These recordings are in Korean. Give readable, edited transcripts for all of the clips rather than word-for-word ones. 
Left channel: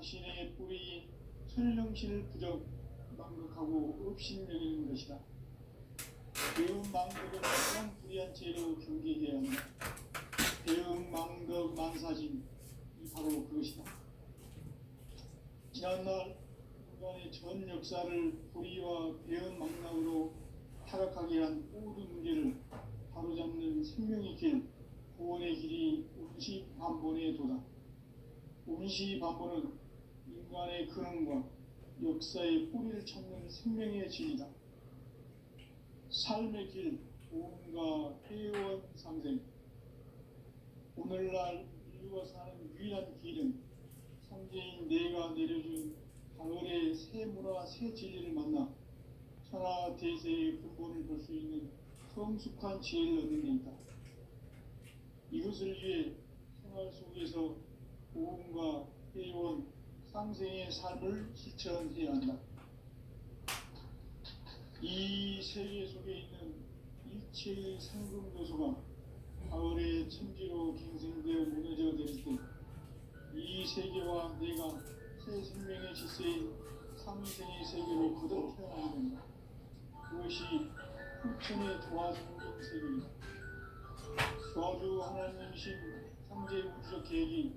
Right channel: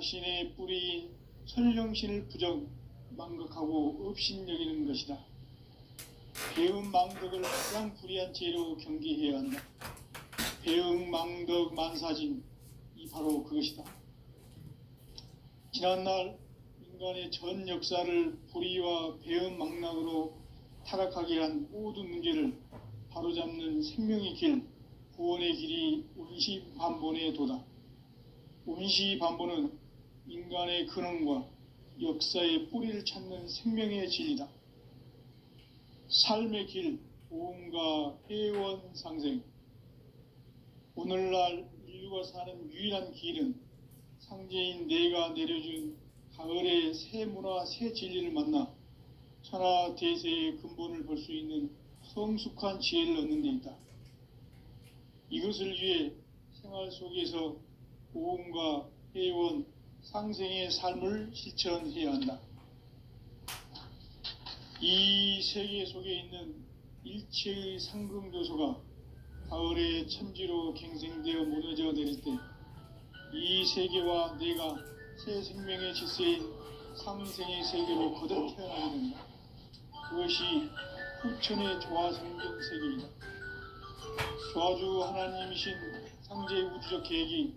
자신의 뿌리인 설령신을 부정 망각하고 업신여기는 것이다. 배음 망덕을 가장 불의한 죄로 경계해야 한다. 배음 망덕 만사진, 이 바로 그것이다. 지난날 인간의 전 역사를 불의와 배음 망락으로 타락하게 한 모든 문제를 바로잡는 생명의 길, 구원의 길이 운시반본의 도다. 운시반본은 인간의 근원과 역사의 뿌리를 찾는 생명의 진리다. 삶의 길, 보험과 회원 상생. 오늘날 인류가 사는 유일한 길은 상제인 내가 내려준 가을의 새 문화, 새 진리를 만나 천하 대세의 근본을 볼 수 있는 성숙한 지혜를 얻는 데 있다. 이것을 위해 생활 속에서 보험과 회원, 상생의 삶을 실천해야 한다. 이 세계 속에 있는 일체의 상금도서가 가을의 천지로 갱생되어 무너져 내릴 때 이 세계와 내가 새 생명의 질서인 상생의 세계로 거듭 태어나게 된다. 그것이 후천의 조화성경 세계이다. 조화주 하나님이신 상제의 우주적 계획이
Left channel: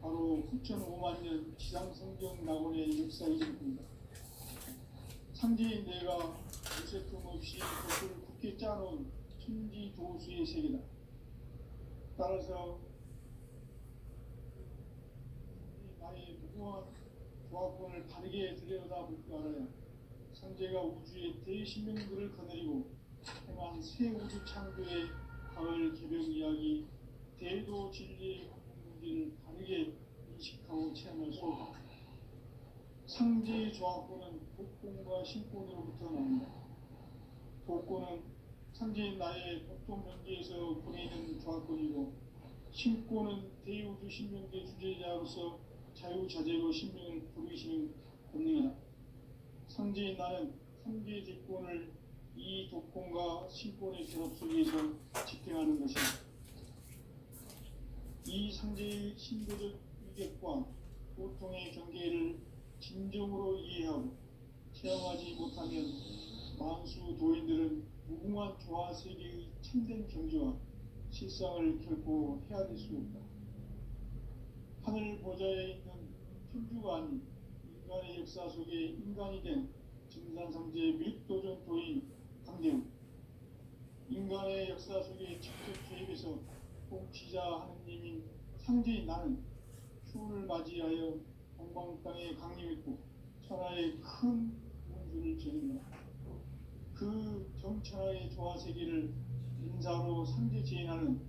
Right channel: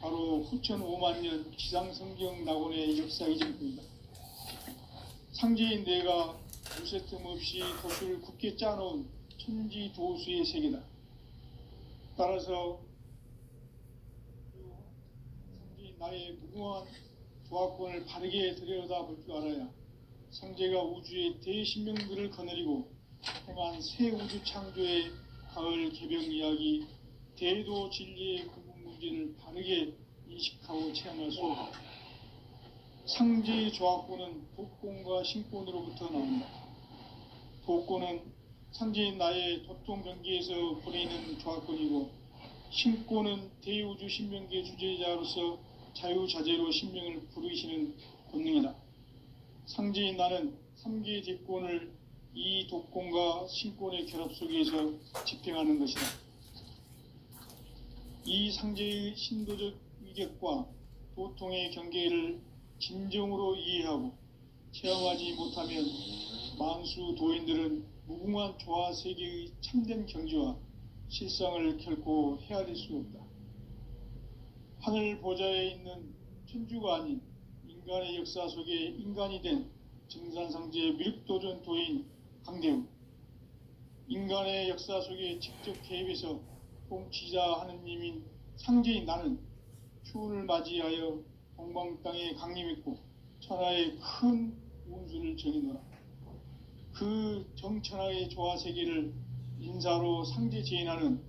바로 후천 5만 년 지상성경 낙원의 역사의 전부이다. 상제인 내가 무쇠틈 없이 덫을 굳게 짜놓은 천지 도수의 세계다. 따라서 상제인 나의 무궁한 조화권을 바르게 들여다볼 줄 알아야 상제가 우주의 대신명들을 거느리고 행한 새 우주 창조의 가을 개벽 이야기, 대도 진리의 근본 문제를 바르게 인식하고 체험할 수 없다. 상제의 조화권은 독권과 신권으로부터 나온다. 독권은 상제인 나의 도통 경계에서 보내는 조화권이고, 신권은 대우주 신명계 주제자로서 자유자재로 신명을 부르시는 권능이다. 상제인 나는 3개의 대권을 이 독권과 신권의 결합 속에서 집행하는 것이다. 이 상제의 신도적 위격과 도통의 경계를 진정으로 이해하고 체험하지 못하면 만수 도인들은 무궁한 조화 세계의 참된 경지와 실상을 결코 헤아릴 수 없다. 하늘 보좌에 있는 천주가 아닌 인간의 역사 속에 인간이 된 정산상제 밀도전 도인 강대우, 인간의 역사 속에 직접 개입해서 통치자 하느님인 상제인 나는 추운을 맞이하여 동방 땅에 강림했고 천하의 큰 운수를 정해놓아 그 정천하의 조화 세계를 인사로 상제 제인하는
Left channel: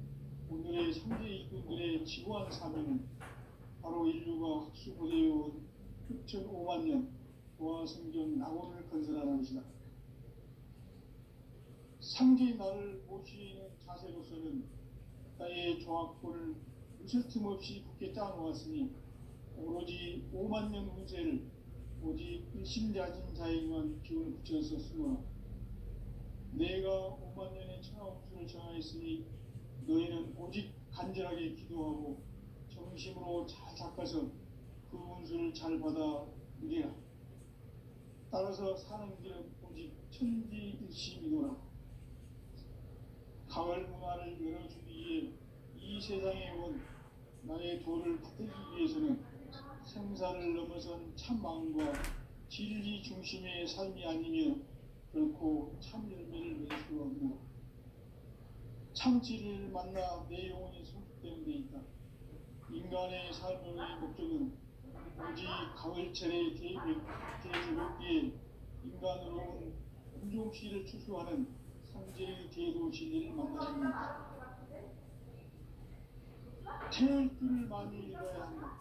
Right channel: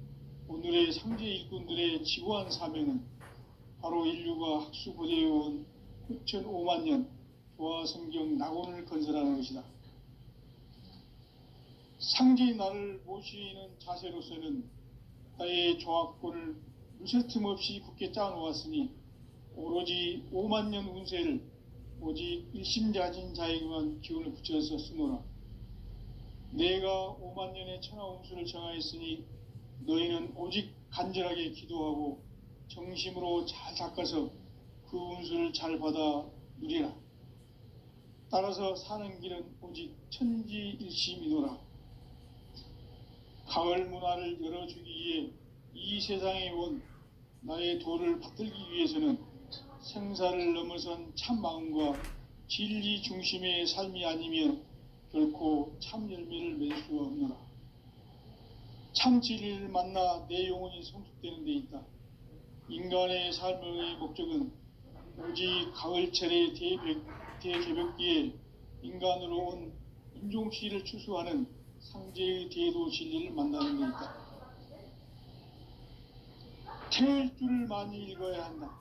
오늘의 상제 일꾼들의 지고한 사명은 바로 인류가 학수고대해온 후천 5만 년 조화 성경 낙원을 건설하는 것이다. 상제인 나를 모시는 자세로서는 나의 조화권을 무쇠틈 없이 굳게 짜놓았으니 오로지 5만 년 운세를 오직 일심자진 자에게만 기운을 붙여서 쓰노라. 내가 5만 년의 천하 운수를 정하였으니 너희는 오직 간절하게 기도하고 정심으로 잘 닦아서 그 운수를 잘 받아 누리라. 따라서 사는 길은 오직 천지일심이노라. 가을 문화를 열어주기 위해 이 세상에 온 나의 도를 받들기 위해서는 생사를 넘어선 참 마음과 진리 중심의 삶이 아니면 결코 참 열매를 맺을 수 없노라. 참 진리를 만나 내 영혼이 성숙되는 데 있다. 인간의 삶의 목적은 오직 가을철의 대개벽기에 인간으로 온 인종시를 추수하는 상제의 대도 진리를 만나는 데 있다. 태일주를 많이 읽어야 한다.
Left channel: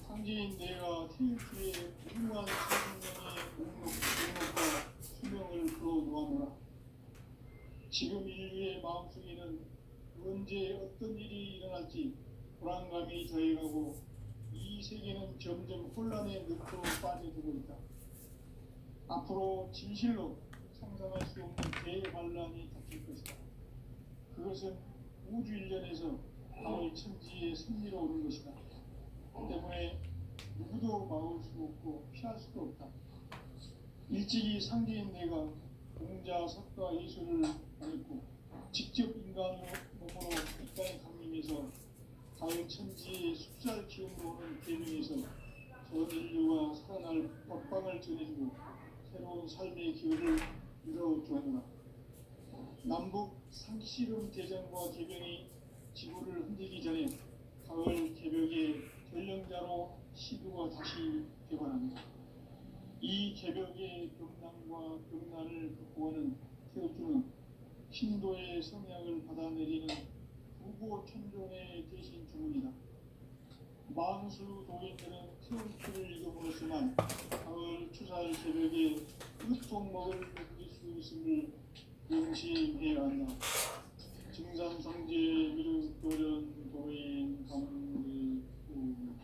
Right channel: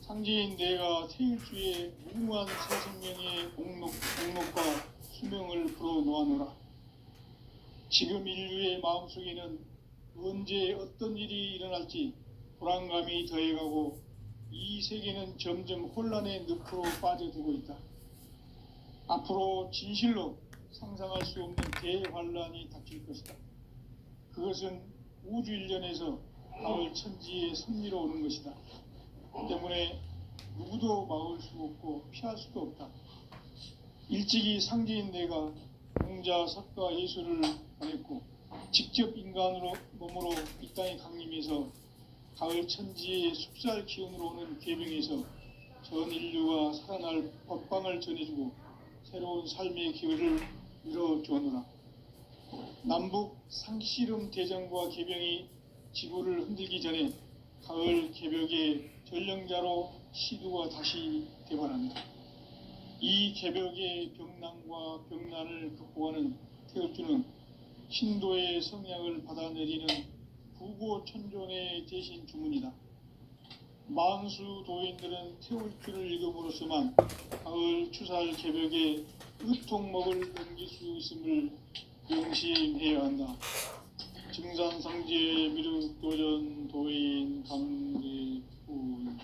상제인 내가 태일주의 무궁한 새생명의 목록과 수명을 풀어놓아노라. 지금 인류의 마음속에는 언제 어떤 일이 일어날지 불안감이 더해가고 이 세계는 점점 혼란의 늪으로 빠져들고 있다. 앞으로 진실로 상상할 수 없는 대환란이 닥칠 것이다. 그것은 우주 일련에서 가을 천지의 섭리로 오는 것이다. 때문에 누구도 누구도 막을 수 없고 피할 수도 없다. 일찍이 상제인 내가 공자, 석가, 예술을 말했고 직접 인간으로 몸으로 이 땅에 강림해서 가을 천지의 숲살 기운으로 오는 계명에서 전 인류가 살아날 법방을 전해주고 새로운 삶의 기회를 열어주었노라. 남북 상씨름 대전과 개병이 지구를 흔들기 전에 가을 개벽의 전령자로 시두가 다시 되관합니다. 이 개벽의 병난과 병난을 극복하는 태엽주는 신도의 성향을 받아내리는 부고천존의 대신 주문이다. 만수 도인들은 태울주를 읽음으로써만 가을 추살 개벽의 의통목을 넘길 수 있음을 명심해야 한다. 증산상제 미륵도전 도인 감리군.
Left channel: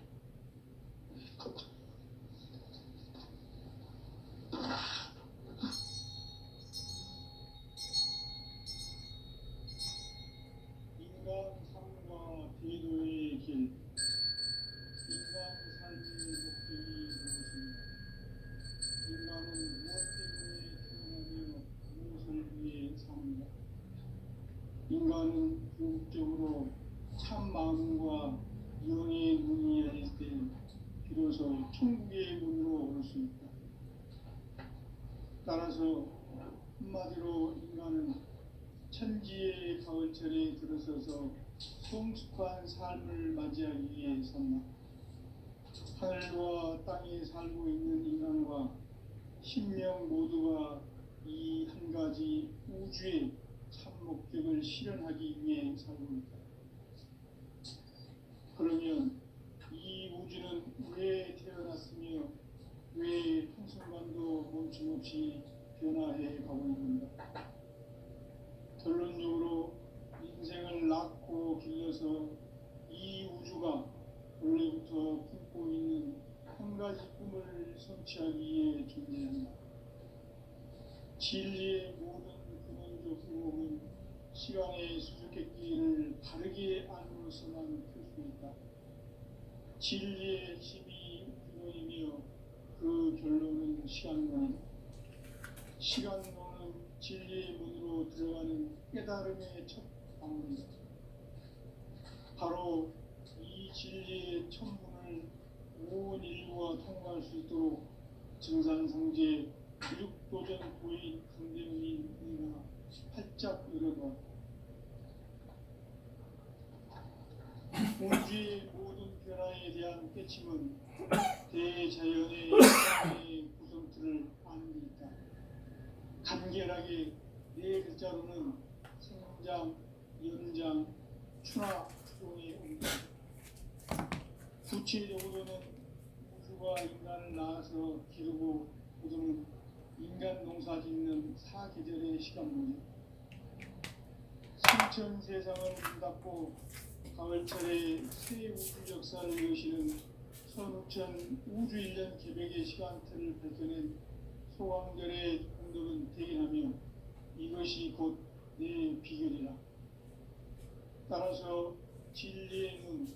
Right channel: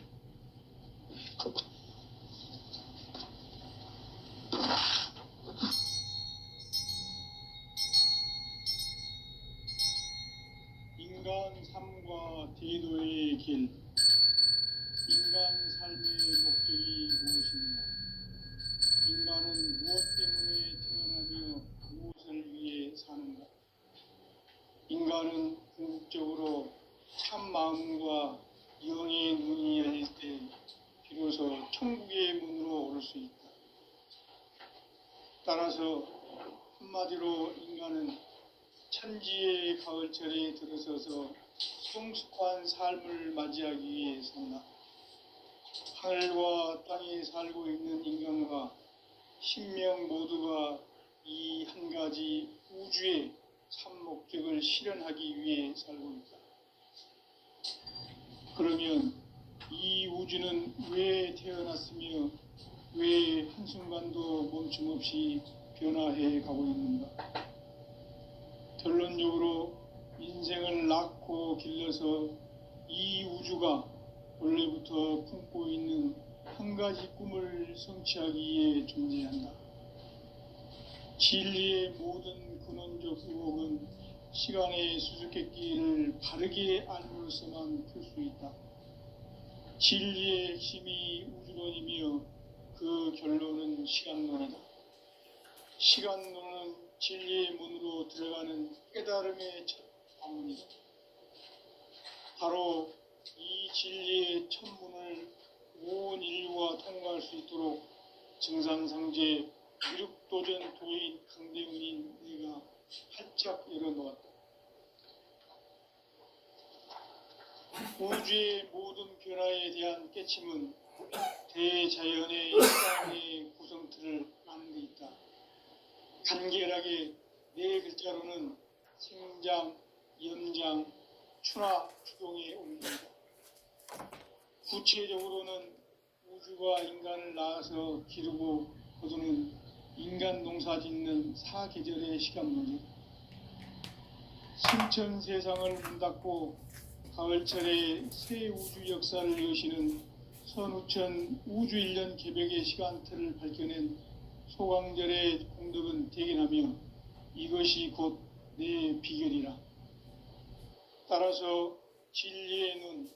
인간 삶과 대도의 길. 인간 삶의 목적이 무엇인가? 인간은 무엇 때문에 태어나며 무엇을 위해 사는가? 인간은 궁극적으로 참 마음과 영의 문이 열릴 때 비로소 천국의 문으로 오를 수 있다. 따라서 한마디로 인간은 천지의 가을철에 들어서서 성숙한 삶을 맞이하기 위해 산다. 하늘과 땅에 살고 있는 인간과 신명 모두가 이 한 가지 우주의 참 목적을 실현하기 위해 살고 있다. 그러면 이 우주는 왜 태어났으며 왜 한순간도 멈춤없이 변화해 가고 있는가? 결론적으로 인생을 낳고 길러서 이 우주가 원래부터 품고 있는 한 가지 꿈을 성취하기 위해 존재한다. 진리의 모든 근원적 의혹은 시간의 수수께끼를 바르게 알므로서만 풀 수 있다. 진리의 핵심이 우주론이며 그 결론은 시간론이다. 시간론은 진리의 문으로 들어가는 깨달음의 첫 방문이다. 바로 이 진리의 첫 문을 온 인류가 통과할 수 있도록 증산상제 미륵도전 도인 강대훈인 내가 활짝 열어놓았다. 우주의 모든 변화에 대한 깨침은 대자연의 일상의 구성틀을 아는 데 있다. 간결하게 네 글자로는 생장, 연장, 추나 추동의 옮김이다. 구체적으로는 우주가 인간을 낳아서 기르고 거두는 인간 농사 짓는 사계절의 시간론이다. 신천 세상을 문 닫고 가을철에 새 우주 역사를 여시는 선우천 우주 1년 개벽의 시간틀을 밝혀낸 소강절의 공덕은 대견하며 이것이 곧 내 비결이라. 따라서 진리의 눈,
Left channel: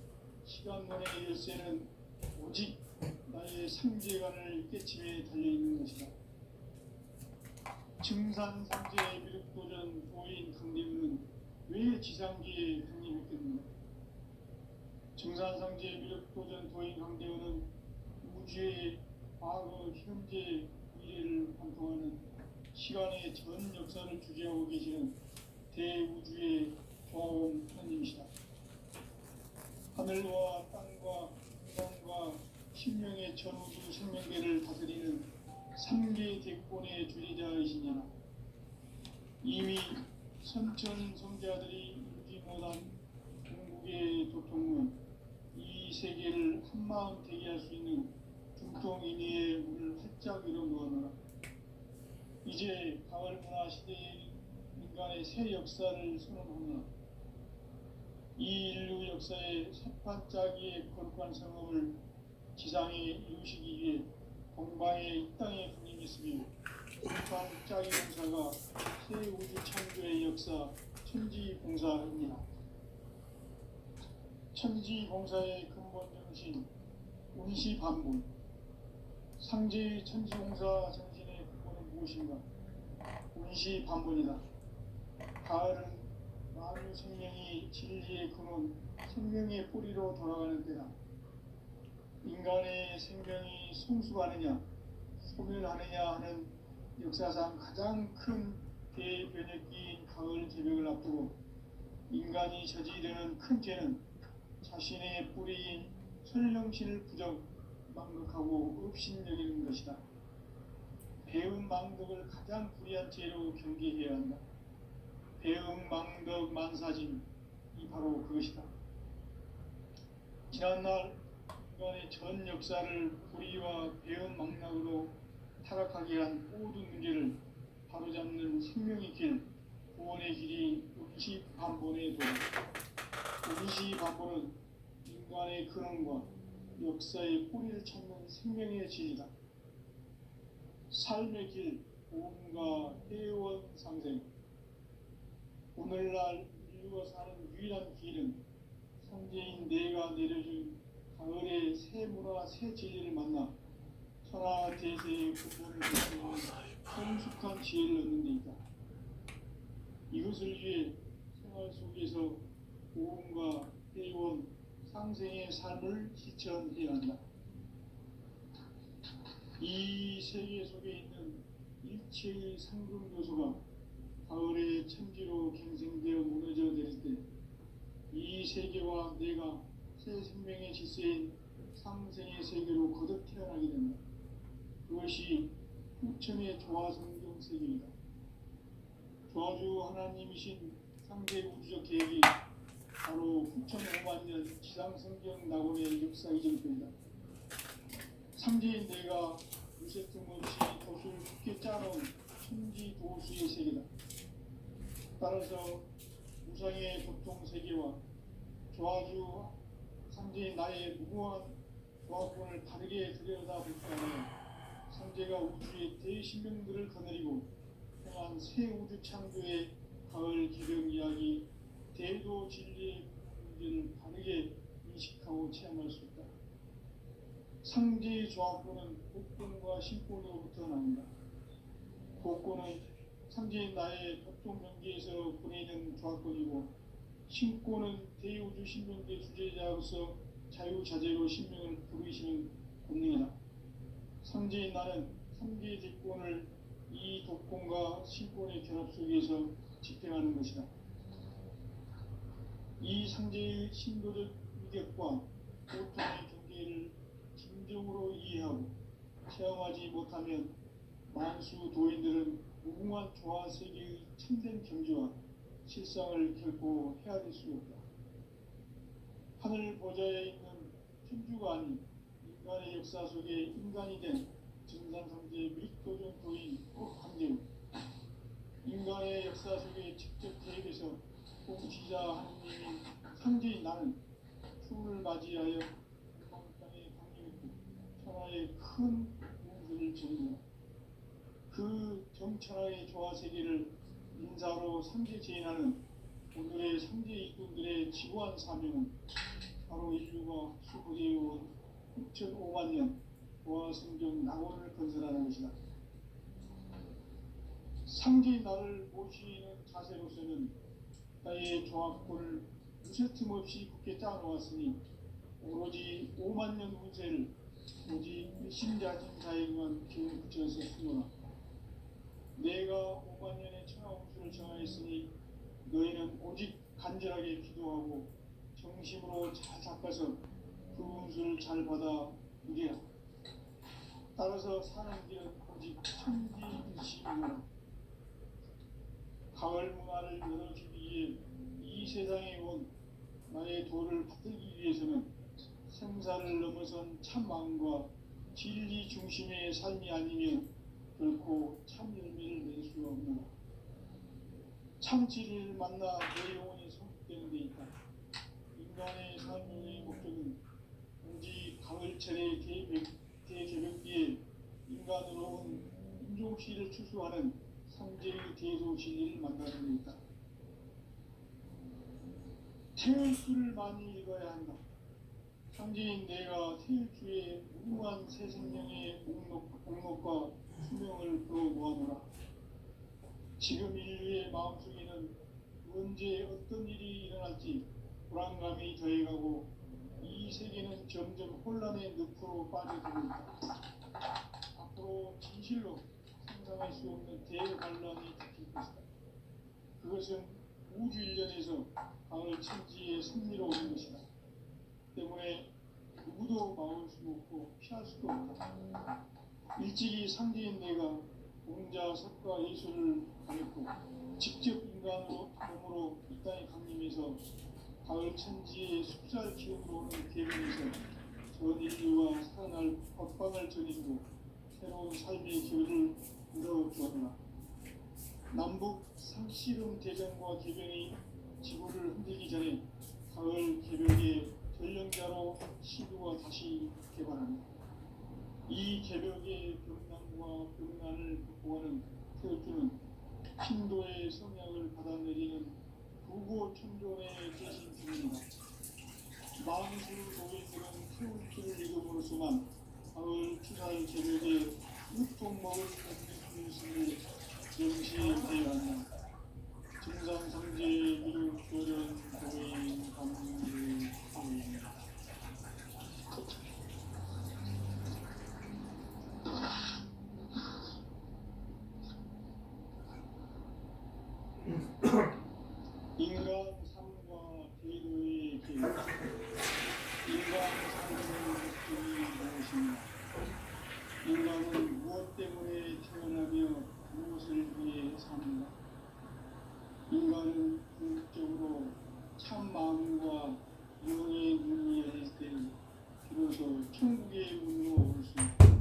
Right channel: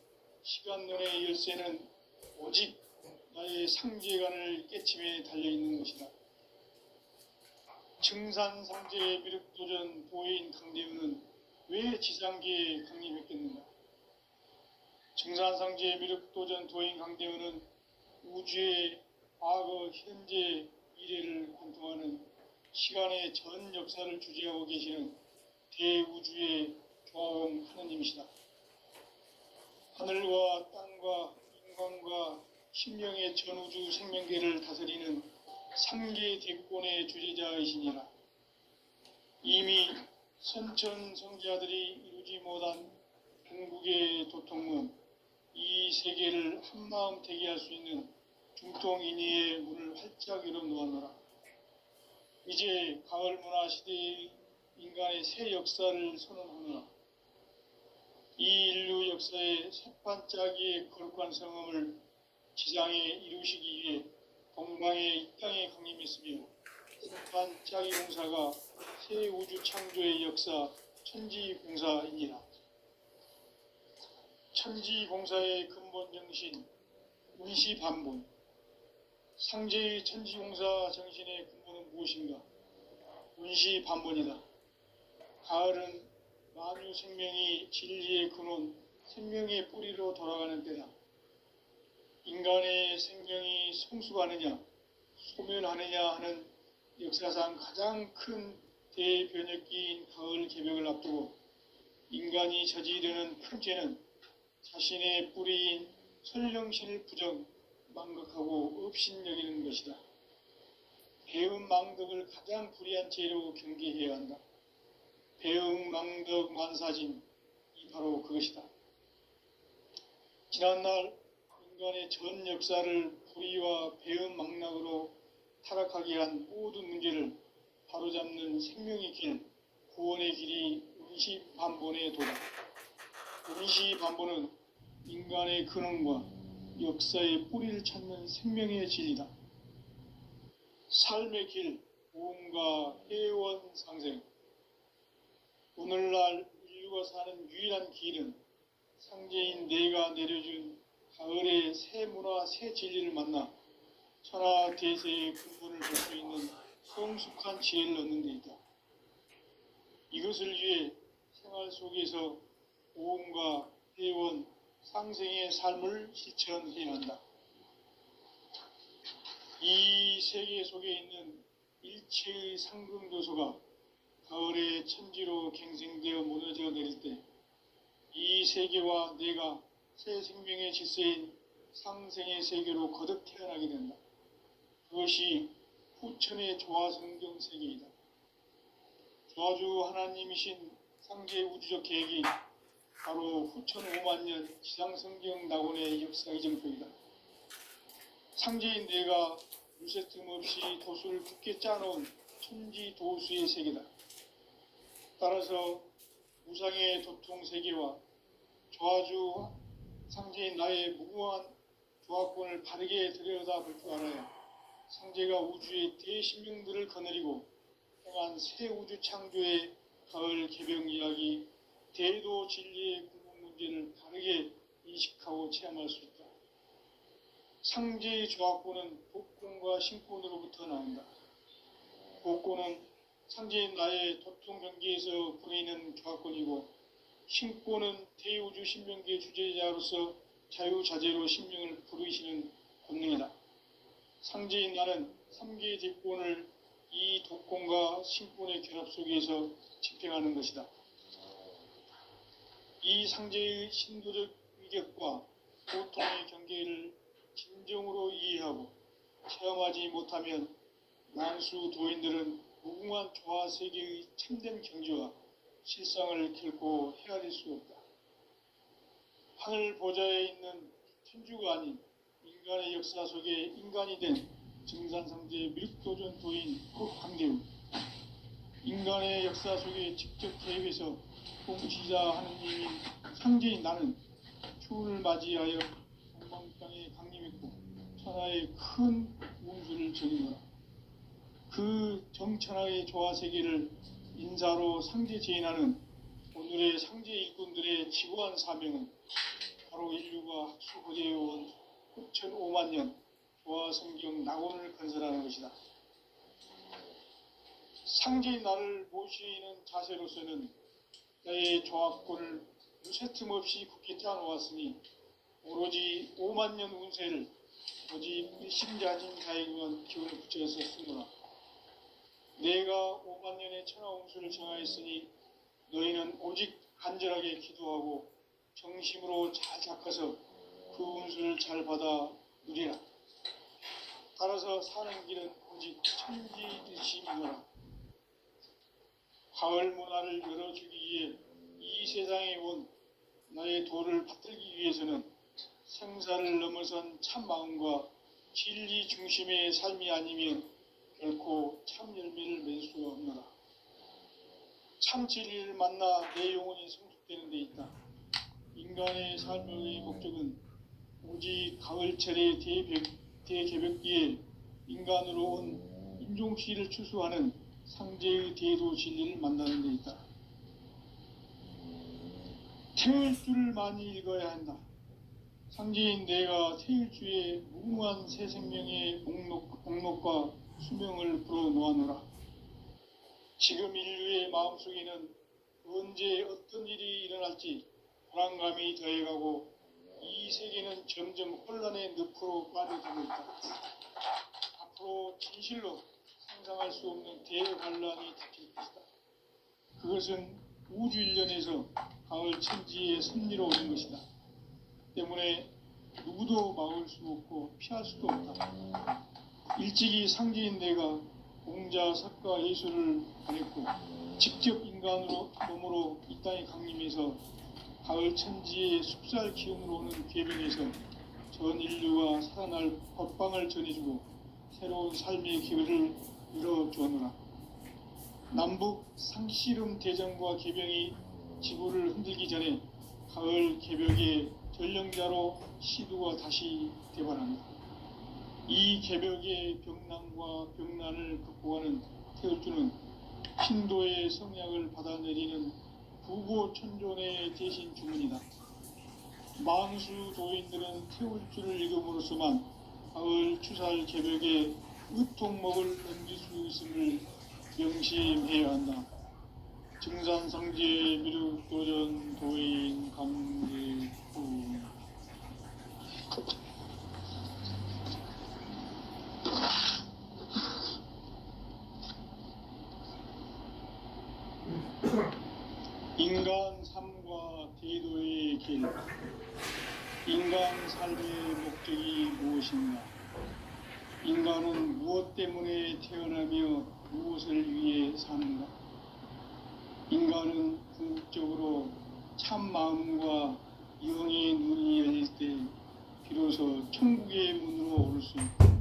시간론의 열쇠는 오직 나의 상제관을 깨침에 달려있는 것이다. 증산상제 미륵도전 도인 강대훈은 왜 지상계에 강림했겠는가? 증산상제 미륵도전 도인 강대훈은 우주의 과거, 현재, 미래를 관통하는 시간의 전 역사를 주재하고 계시는 대우주의 조화원 하느님이시다. 하늘과 땅과 인간과 신명의 전우주 생명계를 다스리는 3계 대권의 주재자이시니라. 이미 선천 성자들이 이루지 못한 궁극의 도통문, 이 세계를 한마음 되게 할 수 있는 중통인의의 문을 활짝 열어놓아노라. 이제 가을 문화 시대의 인간의 새 역사를 선언하노라. 이 인류 역사의 새반짝이의 거룩한 성함을 지상에 이루시기 위해 동방의 이 땅에 강림했으며 반짝이 공사가 새 우주 창조의 역사 천지공사이니라. 천지공사의 근본 정신 운시반본, 상제의 천지공사 정신의 근본은 무엇인가? 운시반본이다. 가을은 만유 생명이 진리의 근원, 생명의 뿌리로 돌아가는 때다. 인간의 생명이 성숙하느냐, 소멸하느냐 하는 역사상 가장 큰 대변혁기인 가을 개벽을 앞두고 인간이 저지르는 큰 죄는 자신의 뿌리인 설령신을 부정, 망각하고 업신여기는 것이다. 배음 망덕을 가장 불의한 죄로 경계해야 한다. 배음 망덕 만사진, 이 바로 그것이다. 지난날 인간의 전 역사를 불의와 배음 망락으로 타락하게 한 모든 문제를 바로잡는 생명의 길, 구원의 길이 운시반본의 도다. 운시반본은 인간의 근원과 역사의 뿌리를 찾는 생명의 진리다. 삶의 길, 보험과 해원 상생. 오늘날 인류가 사는 유일한 길은 상제인 내가 내려준 가을의 새 문화, 새 진리를 만나 천하 대세의 근본을 볼 수 있는 성숙한 지혜를 얻는 데 있다. 이것을 위해 생활 속에서 보험과 해원, 상생의 삶을 실천해야 한다. 이 세계 속에 있는 일체의 상금도소가 가을의 천지로 갱생되어 무너져 내릴 때 이 세계와 내가 새 생명의 질서인 상생의 세계로 거듭 태어나게 된다. 그것이 후천의 조화성경 세계이다. 조화주 하나님이신 상제 우주적 계획이 바로 후천 5만년 지상성경 낙원의 역사 이정표이다. 상제인 내가 무쇠 틈 없이 도수를 굳게 짜놓은 천지 도수의 세계다. 따라서 무상의 도통 세계와 조화주 상제인 나의 무궁한 조화권을 바르게 들여다볼 줄 알아야 상제가 우주의 대신명들을 거느리고 행한 새 우주 창조의 가을 개병 이야기, 대도 진리의 근본 문제를 바르게 인식하고 체험할 수 있다. 상제의 조화권은 복권과 신권으로부터 나온다. 복권은 상제인 나의 도통 경계에서 보내는 조화권이고, 신권은 대우주 신명계 주제자로서 자유자재로 신명을 부르시는 권능이다. 상제인 나는 3개의 대권을 이 도권과 신권의 결합 속에서 집행하는 것이다. 이 상제의 신도적 위격과 고통의 경계를 진정으로 이해하고 체험하지 못하면 만수 도인들은 무궁한 조화 세계의 참된 경지와 실상을 결코 헤아릴 수 없다. 하늘 보좌에 있는 천주가 아닌 인간의 역사 속에 인간이 된 증산상제 밀도전 도인 황대우, 인간의 역사 속에 직접 개입해서 통치자 하느님인 상제인 나는 추운을 맞이하여 동방땅에 강림했고 천하의 큰 운수를 적인 거다. 그 정천하의 조화세계를 인사로 상제 제인하는 오늘의 상제 일꾼들의 지고한 사명은 바로 인류가 학수고대해온 후천 5만년 조화성경 낙원을 건설하는 것이다. 상제인 나를 모시는 자세로서는 나의 조화권을 무쇠 틈 없이 굳게 짜놓았으니 오로지 5만년 운세를 오직 일심자진자에게만 기운을 붙여서 쓰노라. 내가 5만년의 천하운수를 정하였으니 너희는 오직 간절하게 기도하고 정심으로 잘 닦아서 그 운수를 잘 받아 누리라. 따라서 사는 길은 오직 천지일심이노라. 가을 문화를 열어주기 위해 이 세상에 온 나의 도를 받들기 위해서는 생사를 넘어선 참 마음과 진리 중심의 삶이 아니면 결코 참 열매를 맺을 수 없노라. 참 진리를 만나 내 영혼이 성숙되는 데 있다. 인간의 삶의 목적은 오직 가을철의 대개벽기에 인간으로 온 인종시를 추수하는 상제의 대도 진리를 만나는 데 있다. 태일주를 많이 읽어야 한다. 상제인 내가 태일주의 무궁한 새 생명의 목록과 수명을 불어놓아노라. 지금 인류의 마음속에는 언제 어떤 일이 일어날지 불안감이 더해가고 이 세계는 점점 혼란의 늪으로 빠져들고 있다. 앞으로 진실로 상상할 수 없는 대환란이 닥칠 것이다. 그것은 우주 일련에서 가을 천지의 섭리로 오는 것이다. 때문에 누구도 막을 수 없고 피할 수도 없다. 일찍이 상제인 내가 공자, 석가, 예수를 가렸고 직접 인간으로 몸으로 이 땅에 강림해서 가을 천지의 숲살 기운으로 오는 궤변에서 전 인류가 살아날 법방을 전해주고 새로운 삶의 기회를 열어주었노라. 남북 상씨름 대전과 개병이 지구를 흔들기 전에 가을 개벽의 전령자로 시두가 다시 대발한다. 이 개벽의 병난과 병난을 극복하는 태울주는 신도의 성약을 받아내리는 부고천존의 대신 주문이다. 만수 도인들은 태울주를 이름으로서만 가을 추살 개벽의 의통목을 넘길 수 있음을 명심해야 한다. 증산상제 미륵도전 도인 감리 도인. 인간 삶과 대도의 길. 인간 삶의 목적이 무엇인가? 인간은 무엇 때문에 태어나며 무엇을 위해 사는가? 인간은 궁극적으로 참 마음과 영의 눈이 열릴 때 비로소 천국의 문으로 오를 수 있다.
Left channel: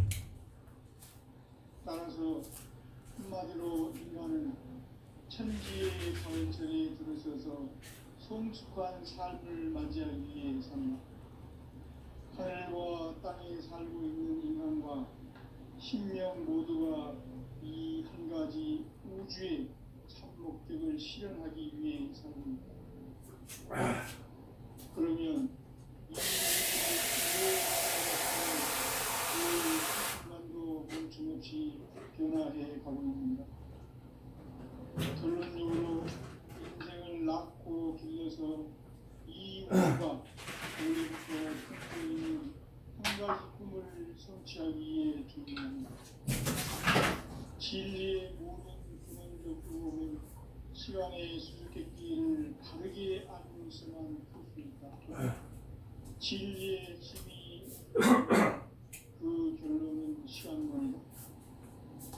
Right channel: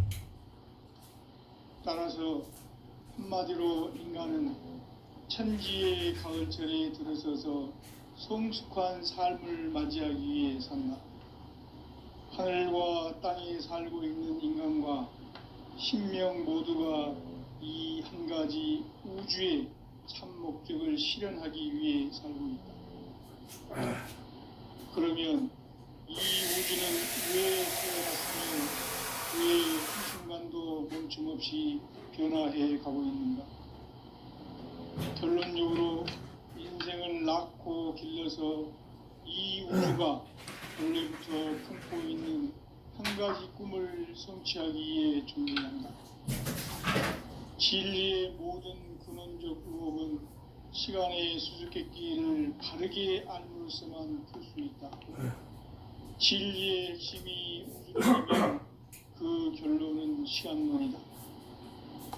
따라서 한마디로 인간은 천지의 가을철에 들어서서 성숙한 삶을 맞이하기 위해 산다. 하늘과 땅에 살고 있는 인간과 신명 모두가 이 한 가지 우주의 참 목적을 실현하기 위해 살고 있다. 그러면 이 우주는 왜 태어났으며 왜 한순간도 멈춤없이 변화해 가고 있는가? 결론적으로 인생을 낳고 길러서 이 우주가 원래부터 품고 있는 한 가지 꿈을 성취하기 위해 존재한다. 진리의 모든 근원적 의혹은 시간의 수수께끼를 바르게 알므로서만 풀 수 있다. 진리의 핵심이 우주라면 그 결론은 시간론이다.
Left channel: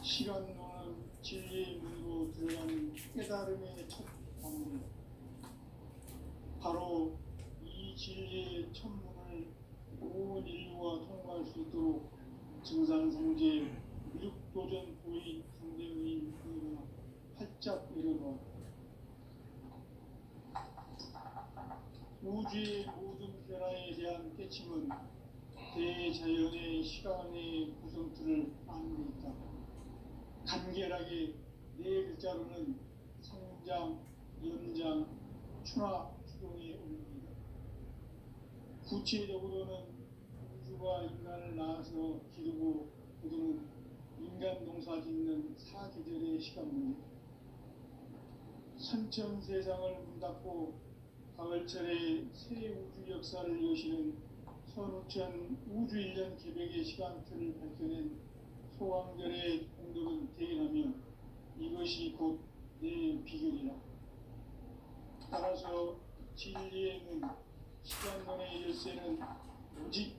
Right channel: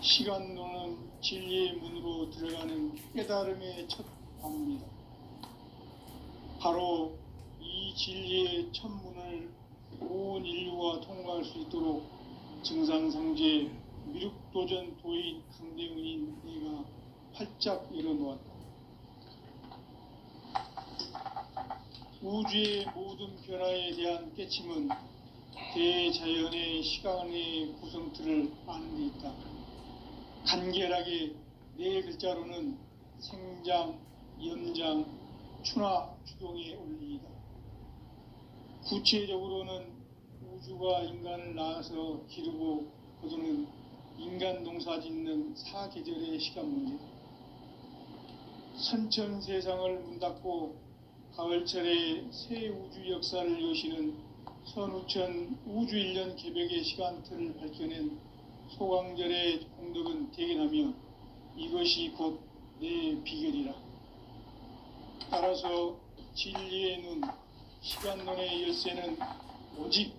시간론은 진리의 문으로 들어가는 깨달음의 첫 방문이다. 바로 이 진리의 첫 문을 온 인류가 통과할 수 있도록 증산상제 미륵도전 도인 강대훈인 내가 활짝 열어놓았다. 우주의 모든 변화에 대한 깨침은 대자연의 시간의 구성틀을 아는 데 있다. 간결하게 네 글자로는 생장, 연장, 추나 추동의 원리이다. 구체적으로는 우주가 인간을 낳아서 기르고 거두는 인간 농사 짓는 사계절의 시간 문제다. 선천 세상을 문 닫고 가을철에 새 우주 역사를 여시는 선우천 우주일년 개벽의 시간틀을 밝혀낸 소강절의 공덕은 대견하며 이것이 곧 내 비결이라. 따라서 진리의 눈, 시간론의 열쇠는 오직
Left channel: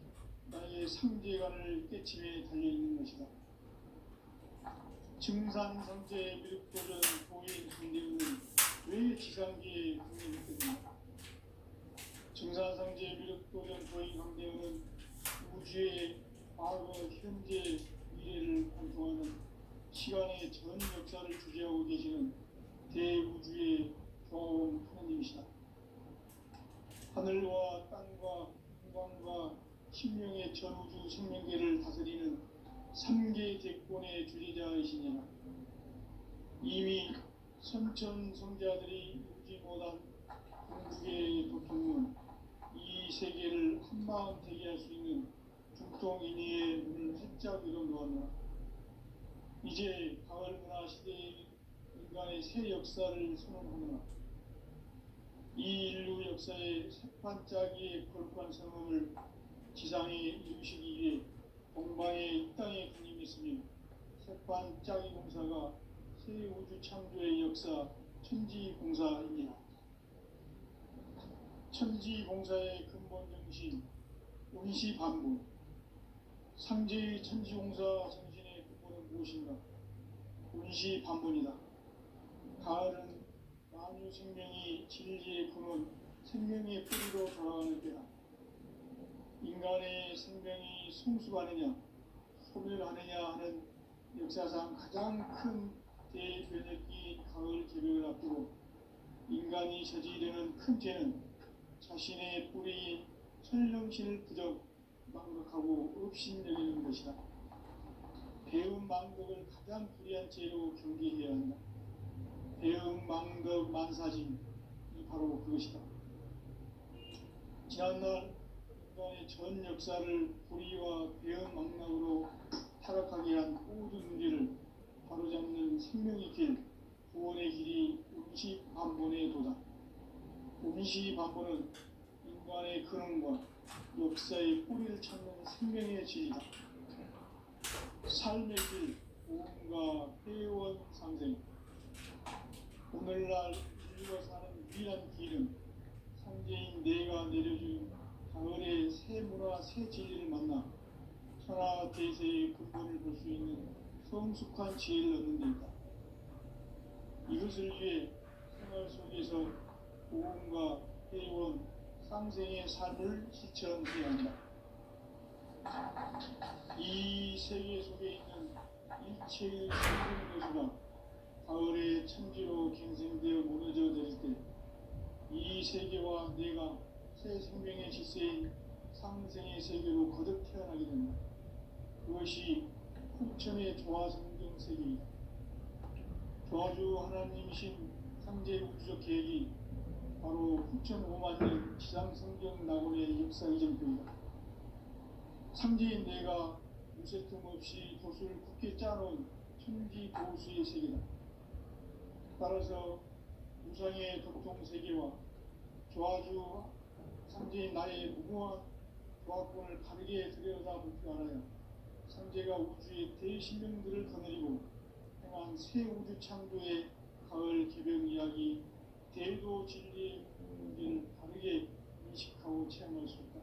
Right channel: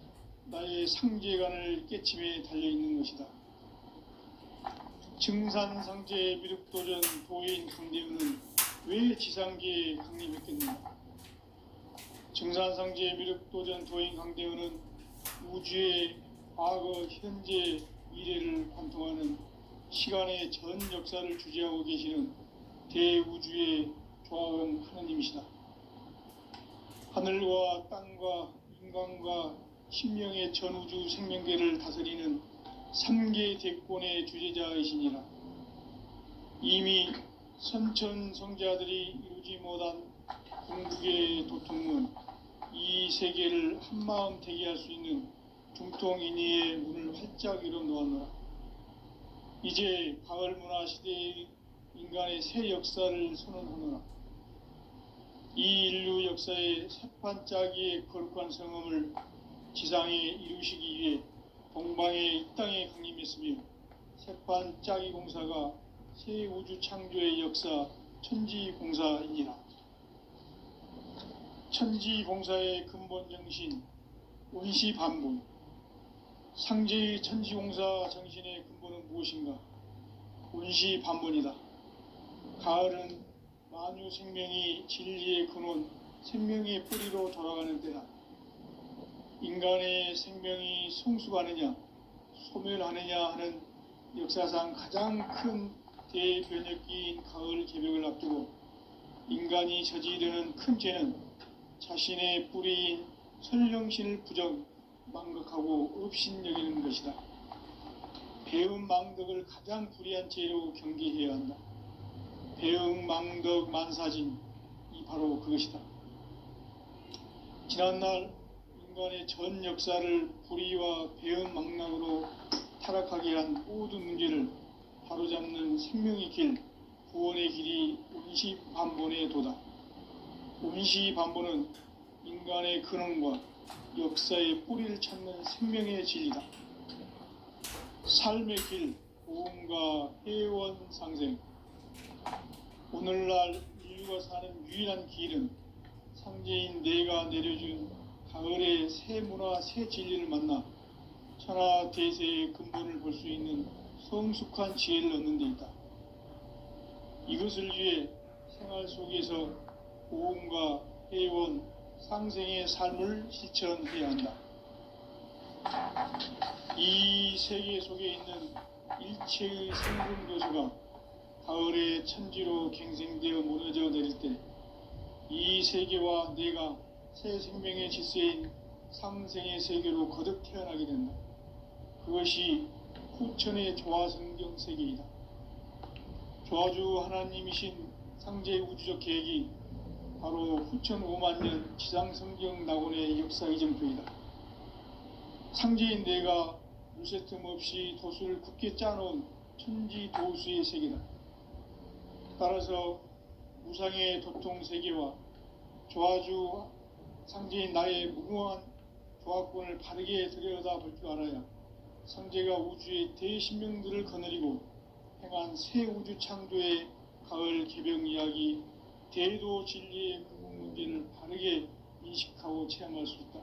나의 상제관을 깨침에 달려있는 것이다. 증산상제 미륵도전 도인 강대훈은 왜 지상계에 강림했겠는가? 증산상제 미륵도전 도인 강대훈은 우주의 과거, 현재, 미래를 관통하는 시간의 전 역사를 주재하고 계시는 대우주의 조화원 하나님이시다. 하늘과 땅과 인간과 신명의 전우주 생명계를 다스리는 3계 대권의 주재자이시니라. 이미 선천 성자들이 이루지 못한 궁극의 도통은 이 세계를 한마음 되게 할 수 있는 중통인의의 문을 활짝 열어놓았노라. 이제 가을 문화 시대의 인간의 새 역사를 선언하노라. 이 인류 역사의 새판짜기의 거룩한 성음을 지상에 이루시기 위해 동방의 이 땅에 강림했으며 새판짜기 공사가 새 우주 창조의 역사 천지공사이니라. 천지공사의 근본 정신 운시반분. 상제의 천지공사 정신의 근본은 무엇인가? 운시반분이다. 가을은 만유 생명이 진리의 근원, 생명의 뿌리로 돌아가는 때다. 인간의 생명이 성숙하느냐, 소멸하느냐 하는 역사상 가장 큰 대변혁기인 가을 개벽을 앞두고 인간이 저지르는 큰 죄는 자신의 뿌리인 선령신을 부정, 망각하고 업신여기는 것이다. 배음 망덕을 가장 불의한 죄로 경계해야 한다. 배음 망덕 만사진이 바로 그것이다. 지난날 인간의 전 역사를 불의와 배음 망락으로 타락하게 한 모든 문제를 바로잡는 생명의 길, 구원의 길이 운시반본의 도다. 운시반본은 인간의 근원과 역사의 뿌리를 찾는 생명의 진리다. 삶의 길, 고음과 회원 상생. 오늘날 인류가 사는 유일한 길은 상제인 내가 내려준 가을의 새 문화, 새 진리를 만나 천하 대세의 근본을 볼 수 있는 성숙한 지혜를 얻는 데 있다. 이것을 위해 생활 속에서 고음과 회원, 상생의 삶을 실천해야 한다. 이 세계 속에 있는 일체의 생분 요소가 가을의 천지로 갱생되어 무너져 내릴 때 이 세계와 내가 새 생명의 질서인 상생의 세계로 거듭 태어나게 된다. 그것이 후천의 조화성경 세계이다. 조화주 하나님이신 상제의 우주적 계획이 바로 후천 5만년 지상성경 낙원의 역사 이정표이다. 상제인 내가 무쇠 틈 없이 도수를 굳게 짜놓은 천지 도수의 세계다. 따라서 무상의 도통 세계와 조화주 상제인 나의 무궁한 조화권을 바르게 들여다볼 줄 알아야 상제가 우주의 대신명들을 거느리고 행한 새 우주 창조의 가을 개병 이야기, 대도 진리의 문제를 바르게 인식하고 체험할 수 있다.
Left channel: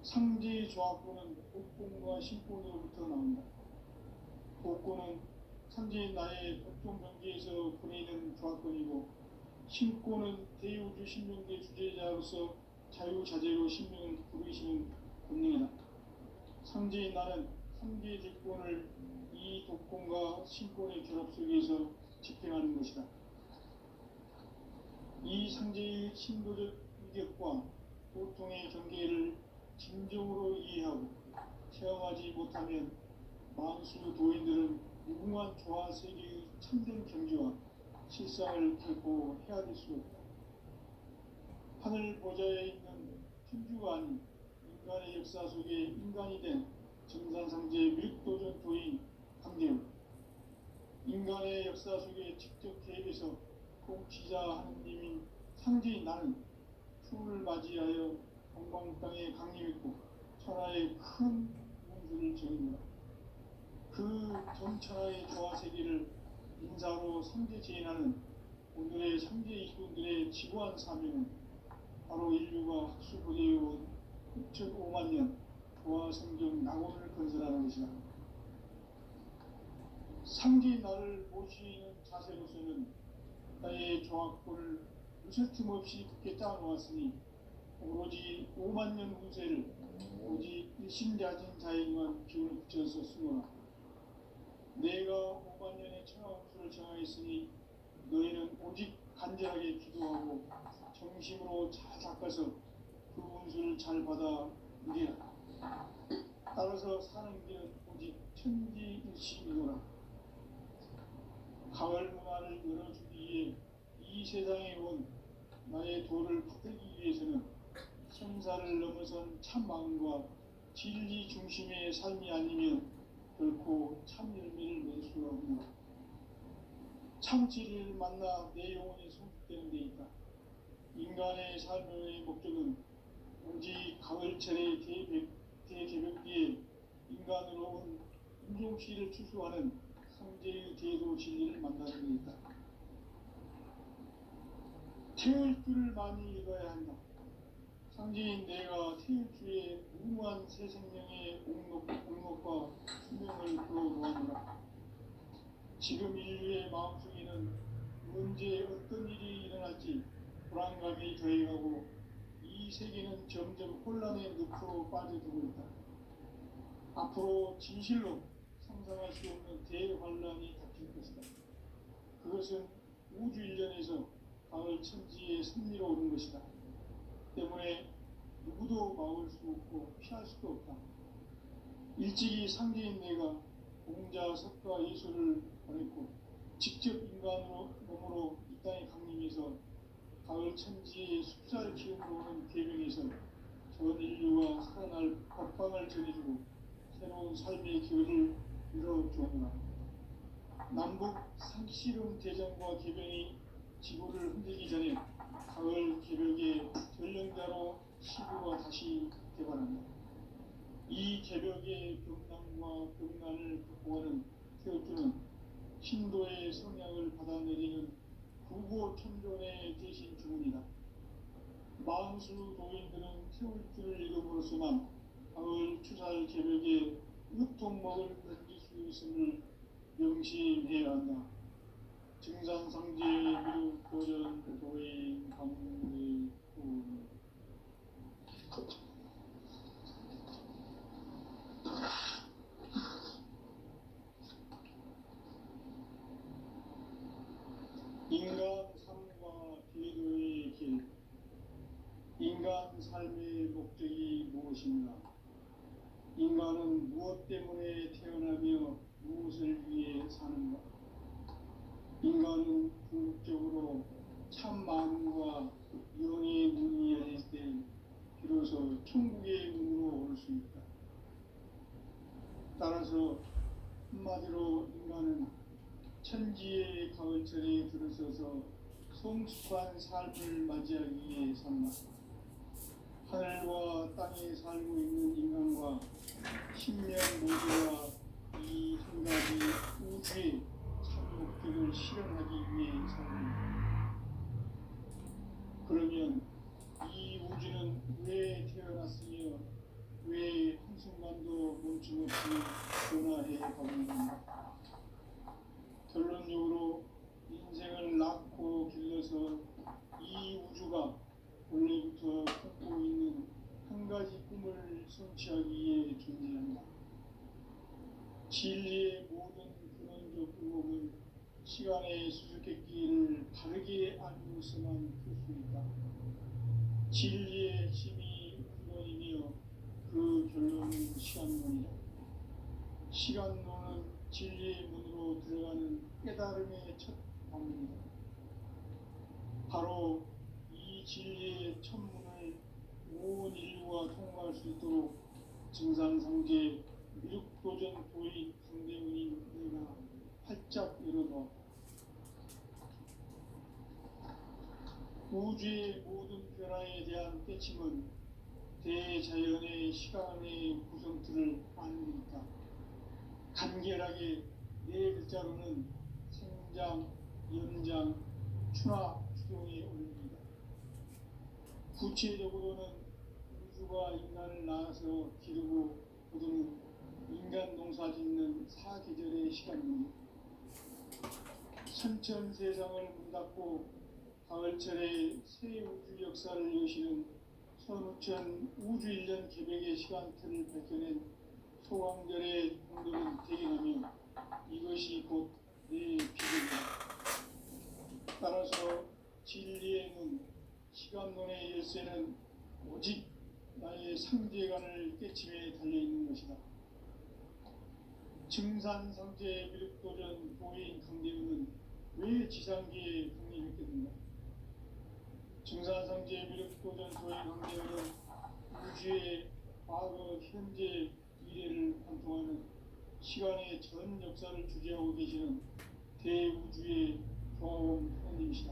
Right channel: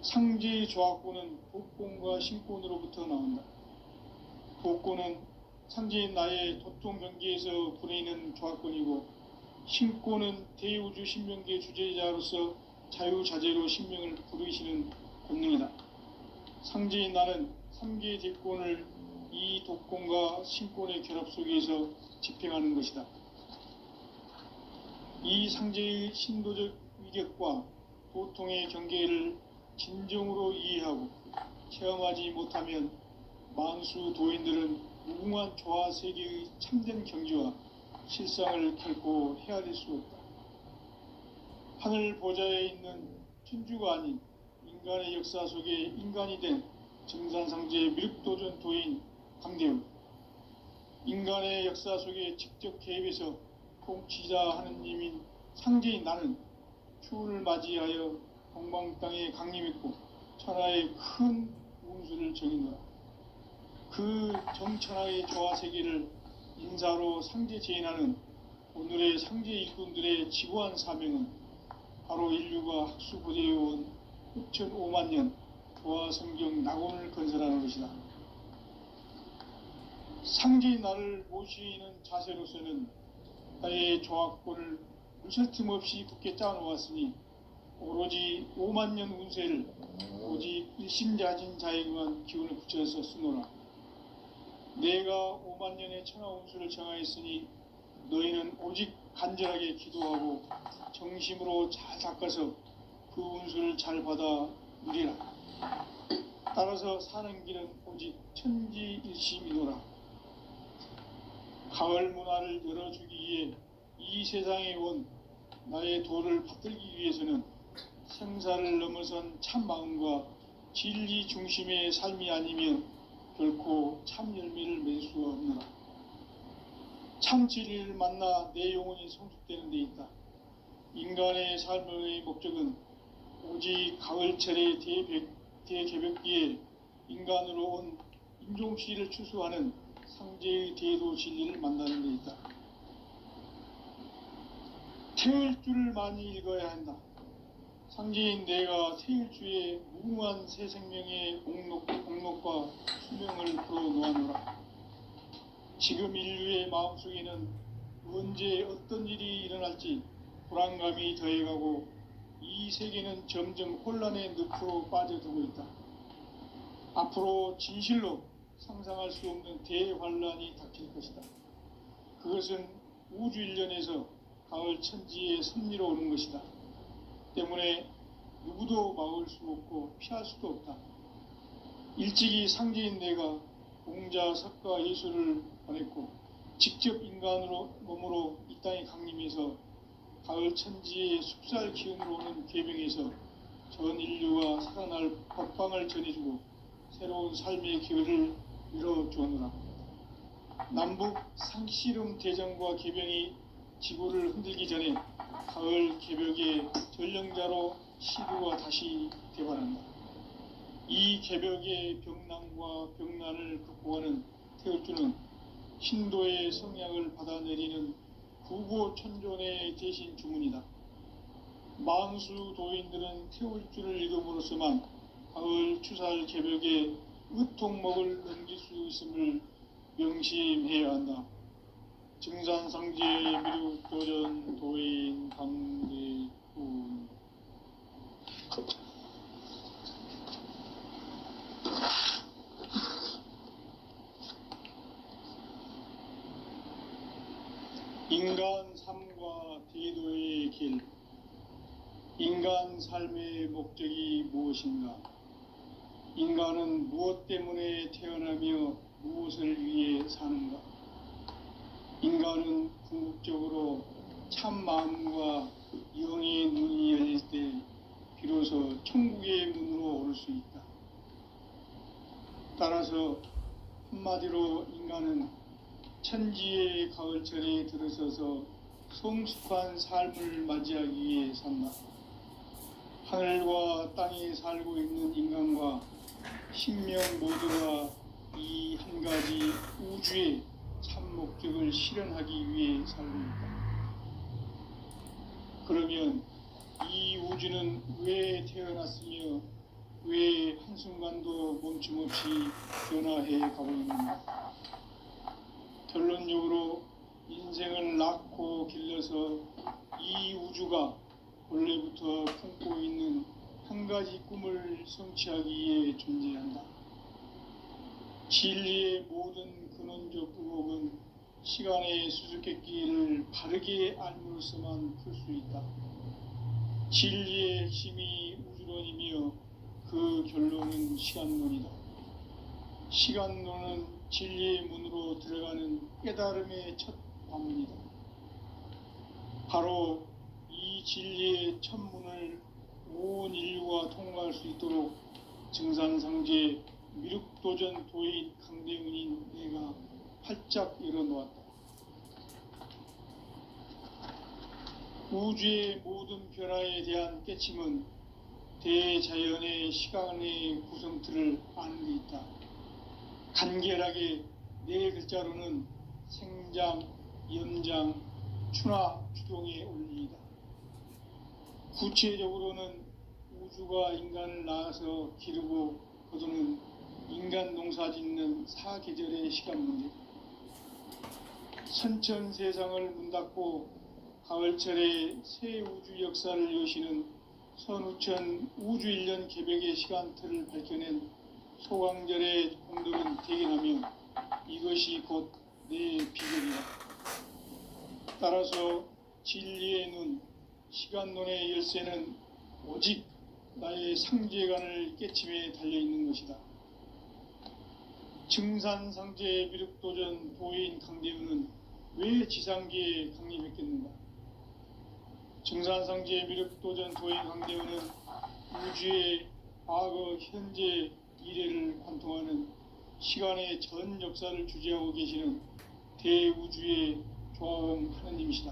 상제의 조화권은 복권과 신권으로부터 나온다. 복권은 상제인 나의 도통 경계에서 보내는 조화권이고, 신권은 대우주 신명계 주제자로서 자유자재로 신명을 부르시는 권능이다. 상제인 나는 3개의 대권을 이 독권과 신권의 결합 속에서 집행하는 것이다. 이 상제의 신도적 위격과 도통의 경계를 진정으로 이해하고 체험하지 못하면 만수 도인들은 무궁한 조화 세계의 참된 경지와 실상을 결코 헤아릴 수 없다. 하늘 보좌에 있는 천주가 아닌 인간의 역사 속에 인간이 된 정산상제의 미륵도전 도인 강대우, 인간의 역사 속에 직접 개입해서 통치자 하느님인 상제인 나는 추운을 맞이하여 동방 땅에 강림했고 천하의 큰 운수를 정의노라. 그 정천하의 조화 세계를 인사로 상제 제인하는 오늘의 상제 일꾼들의 지구한 사명은 바로 인류가 학수고대해온 6,500만 조화 성경 낙원을 건설하는 것이다. 상제인 나를 모시는 자세로서는 나의 조화권을 무쇠 틈 없이 굳게 짜놓았으니 오로지 5만 년 운세를 오직 일심자진 자에게만 기운을 붙여서 쓰노라. 내가 5만 년의 천하 운수를 정하였으니 너희는 오직 간절하게 기도하고 정심으로 잘 닦아서 그 운수를 잘 받아 누리라. 따라서 사는 길은 오직 천지일심이노라. 가을 문화를 열어주기 위해 이 세상에 온 나의 도를 받들기 위해서는 생사를 넘어선 참 마음과 진리 중심의 삶이 아니면 결코 참 열매를 맺을 수가 없노라. 참 진리를 만나 내 영혼이 성숙되는 데 있다. 인간의 삶의 목적은 오직 가을철의 대개벽기에 인간으로 온 임종씨를 추수하는 상제의 대도 진리를 만나는 데 있다. 태을주를 많이 읽어야 한다. 상제인 내가 태을주의 무궁한 새 생명의 공록과 수명을 풀어놓아노라. 지금 인류의 마음속에는 언제 어떤 일이 일어날지 불안감이 더해가고 이 세계는 점점 혼란의 늪으로 빠져들고 있다. 앞으로 진실로 상상할 수 없는 대환란이 닥칠 것이다. 그것은 우주 일련에서 가을 천지의 섭리로 오는 것이다. 때문에 누구도 막을 수 없고 피할 수도 없다. 일찍이 상제인 내가 공자, 석가, 예수를 보냈고 직접 인간으로 몸으로 이 땅에 강림해서 가을 천지의 숲살 기운으로 오는 계명에서 전 인류가 살아날 법방을 전해주고 새로운 삶의 기회를 열어주었노라. 남북 상씨름 대전과 계병이 지구를 흔들기 전에 가을 개벽의 전령자로 시구가 다시 되관한다. 이 개벽의 병난과 병난을 극복하는 태을주는 신도의 성향을 받아내리는 구보천존의 대신 주문이다. 만수 도인들은 태을주를 읽음으로써만 가을 추살 개벽의 의통목을 넘길 수 있음을 명심해야 한다. 증산상제 미륵도전 도인 강대군. 인간 삶과 대도의 길. 인간 삶의 목적이 무엇인가? 인간은 무엇 때문에 태어나며 무엇을 위해 사는가? 인간은 궁극적으로 참 마음과 영의 눈이 열릴 때 비로소 천국의 문으로 올 수 있다. 따라서 한마디로 인간은 천지의 가을철에 들어서서 성숙한 삶을 맞이하기 위해 산다. 하늘과 땅에 살고 있는 인간과 신명 모두가 이 한 가지 우주의 참 목적을 실현하기 위해 살고 있다. 그러면 이 우주는 왜 태어났으며 왜 한순간도 멈춤없이 변화해 가고 있는가? 결론적으로 인생을 낳고 길러서 이 우주가 원래부터 품고 있는 한 가지 꿈을 성취하기 위해 존재한다. 진리의 모든 근원적 의혹은 시간의 수수께끼를 바르게 알므로서만 풀 수 있다. 진리의 핵심이 우주론이며 그 결론은 시간론이다. 시간론은 진리의 문으로 들어가는 깨달음의 첫 방문이다. 바로 이 진리의 첫 문을 온 인류가 통과할 수 있도록 증산상제 미륵도전 도인 강대훈인 내가 활짝 열어놓았다. 우주의 모든 변화에 대한 깨침은 대자연의 시간의 구성틀을 아는 데 있다. 간결하게 네 글자로는 생장, 연장, 추나 추동의 원리이다. 구체적으로는 우주가 인간을 낳아서 기르고 거두는 인간 농사 짓는 사계절의 시간 문제. 선천 세상을 문 닫고 가을철에 새 우주 역사를 여시는 선우천 우주일년 개벽의 시간틀을 밝혀낸 소강절의 공덕은 대견하며 이것이 곧 내 비전이다. 따라서 진리의 눈, 시간론의 열쇠는 오직 나의 상제관을 깨침에 달려있는 것이다. 증산상제 미륵도전 도인 강대훈은 왜 지상계에 강림했겠는가? 증산상제 미륵도전 도인 강대훈은 우주의 과거, 현재, 미래를 관통하는 시간의 전 역사를 주재하고 계시는 대우주의 조화원 하느님이시다.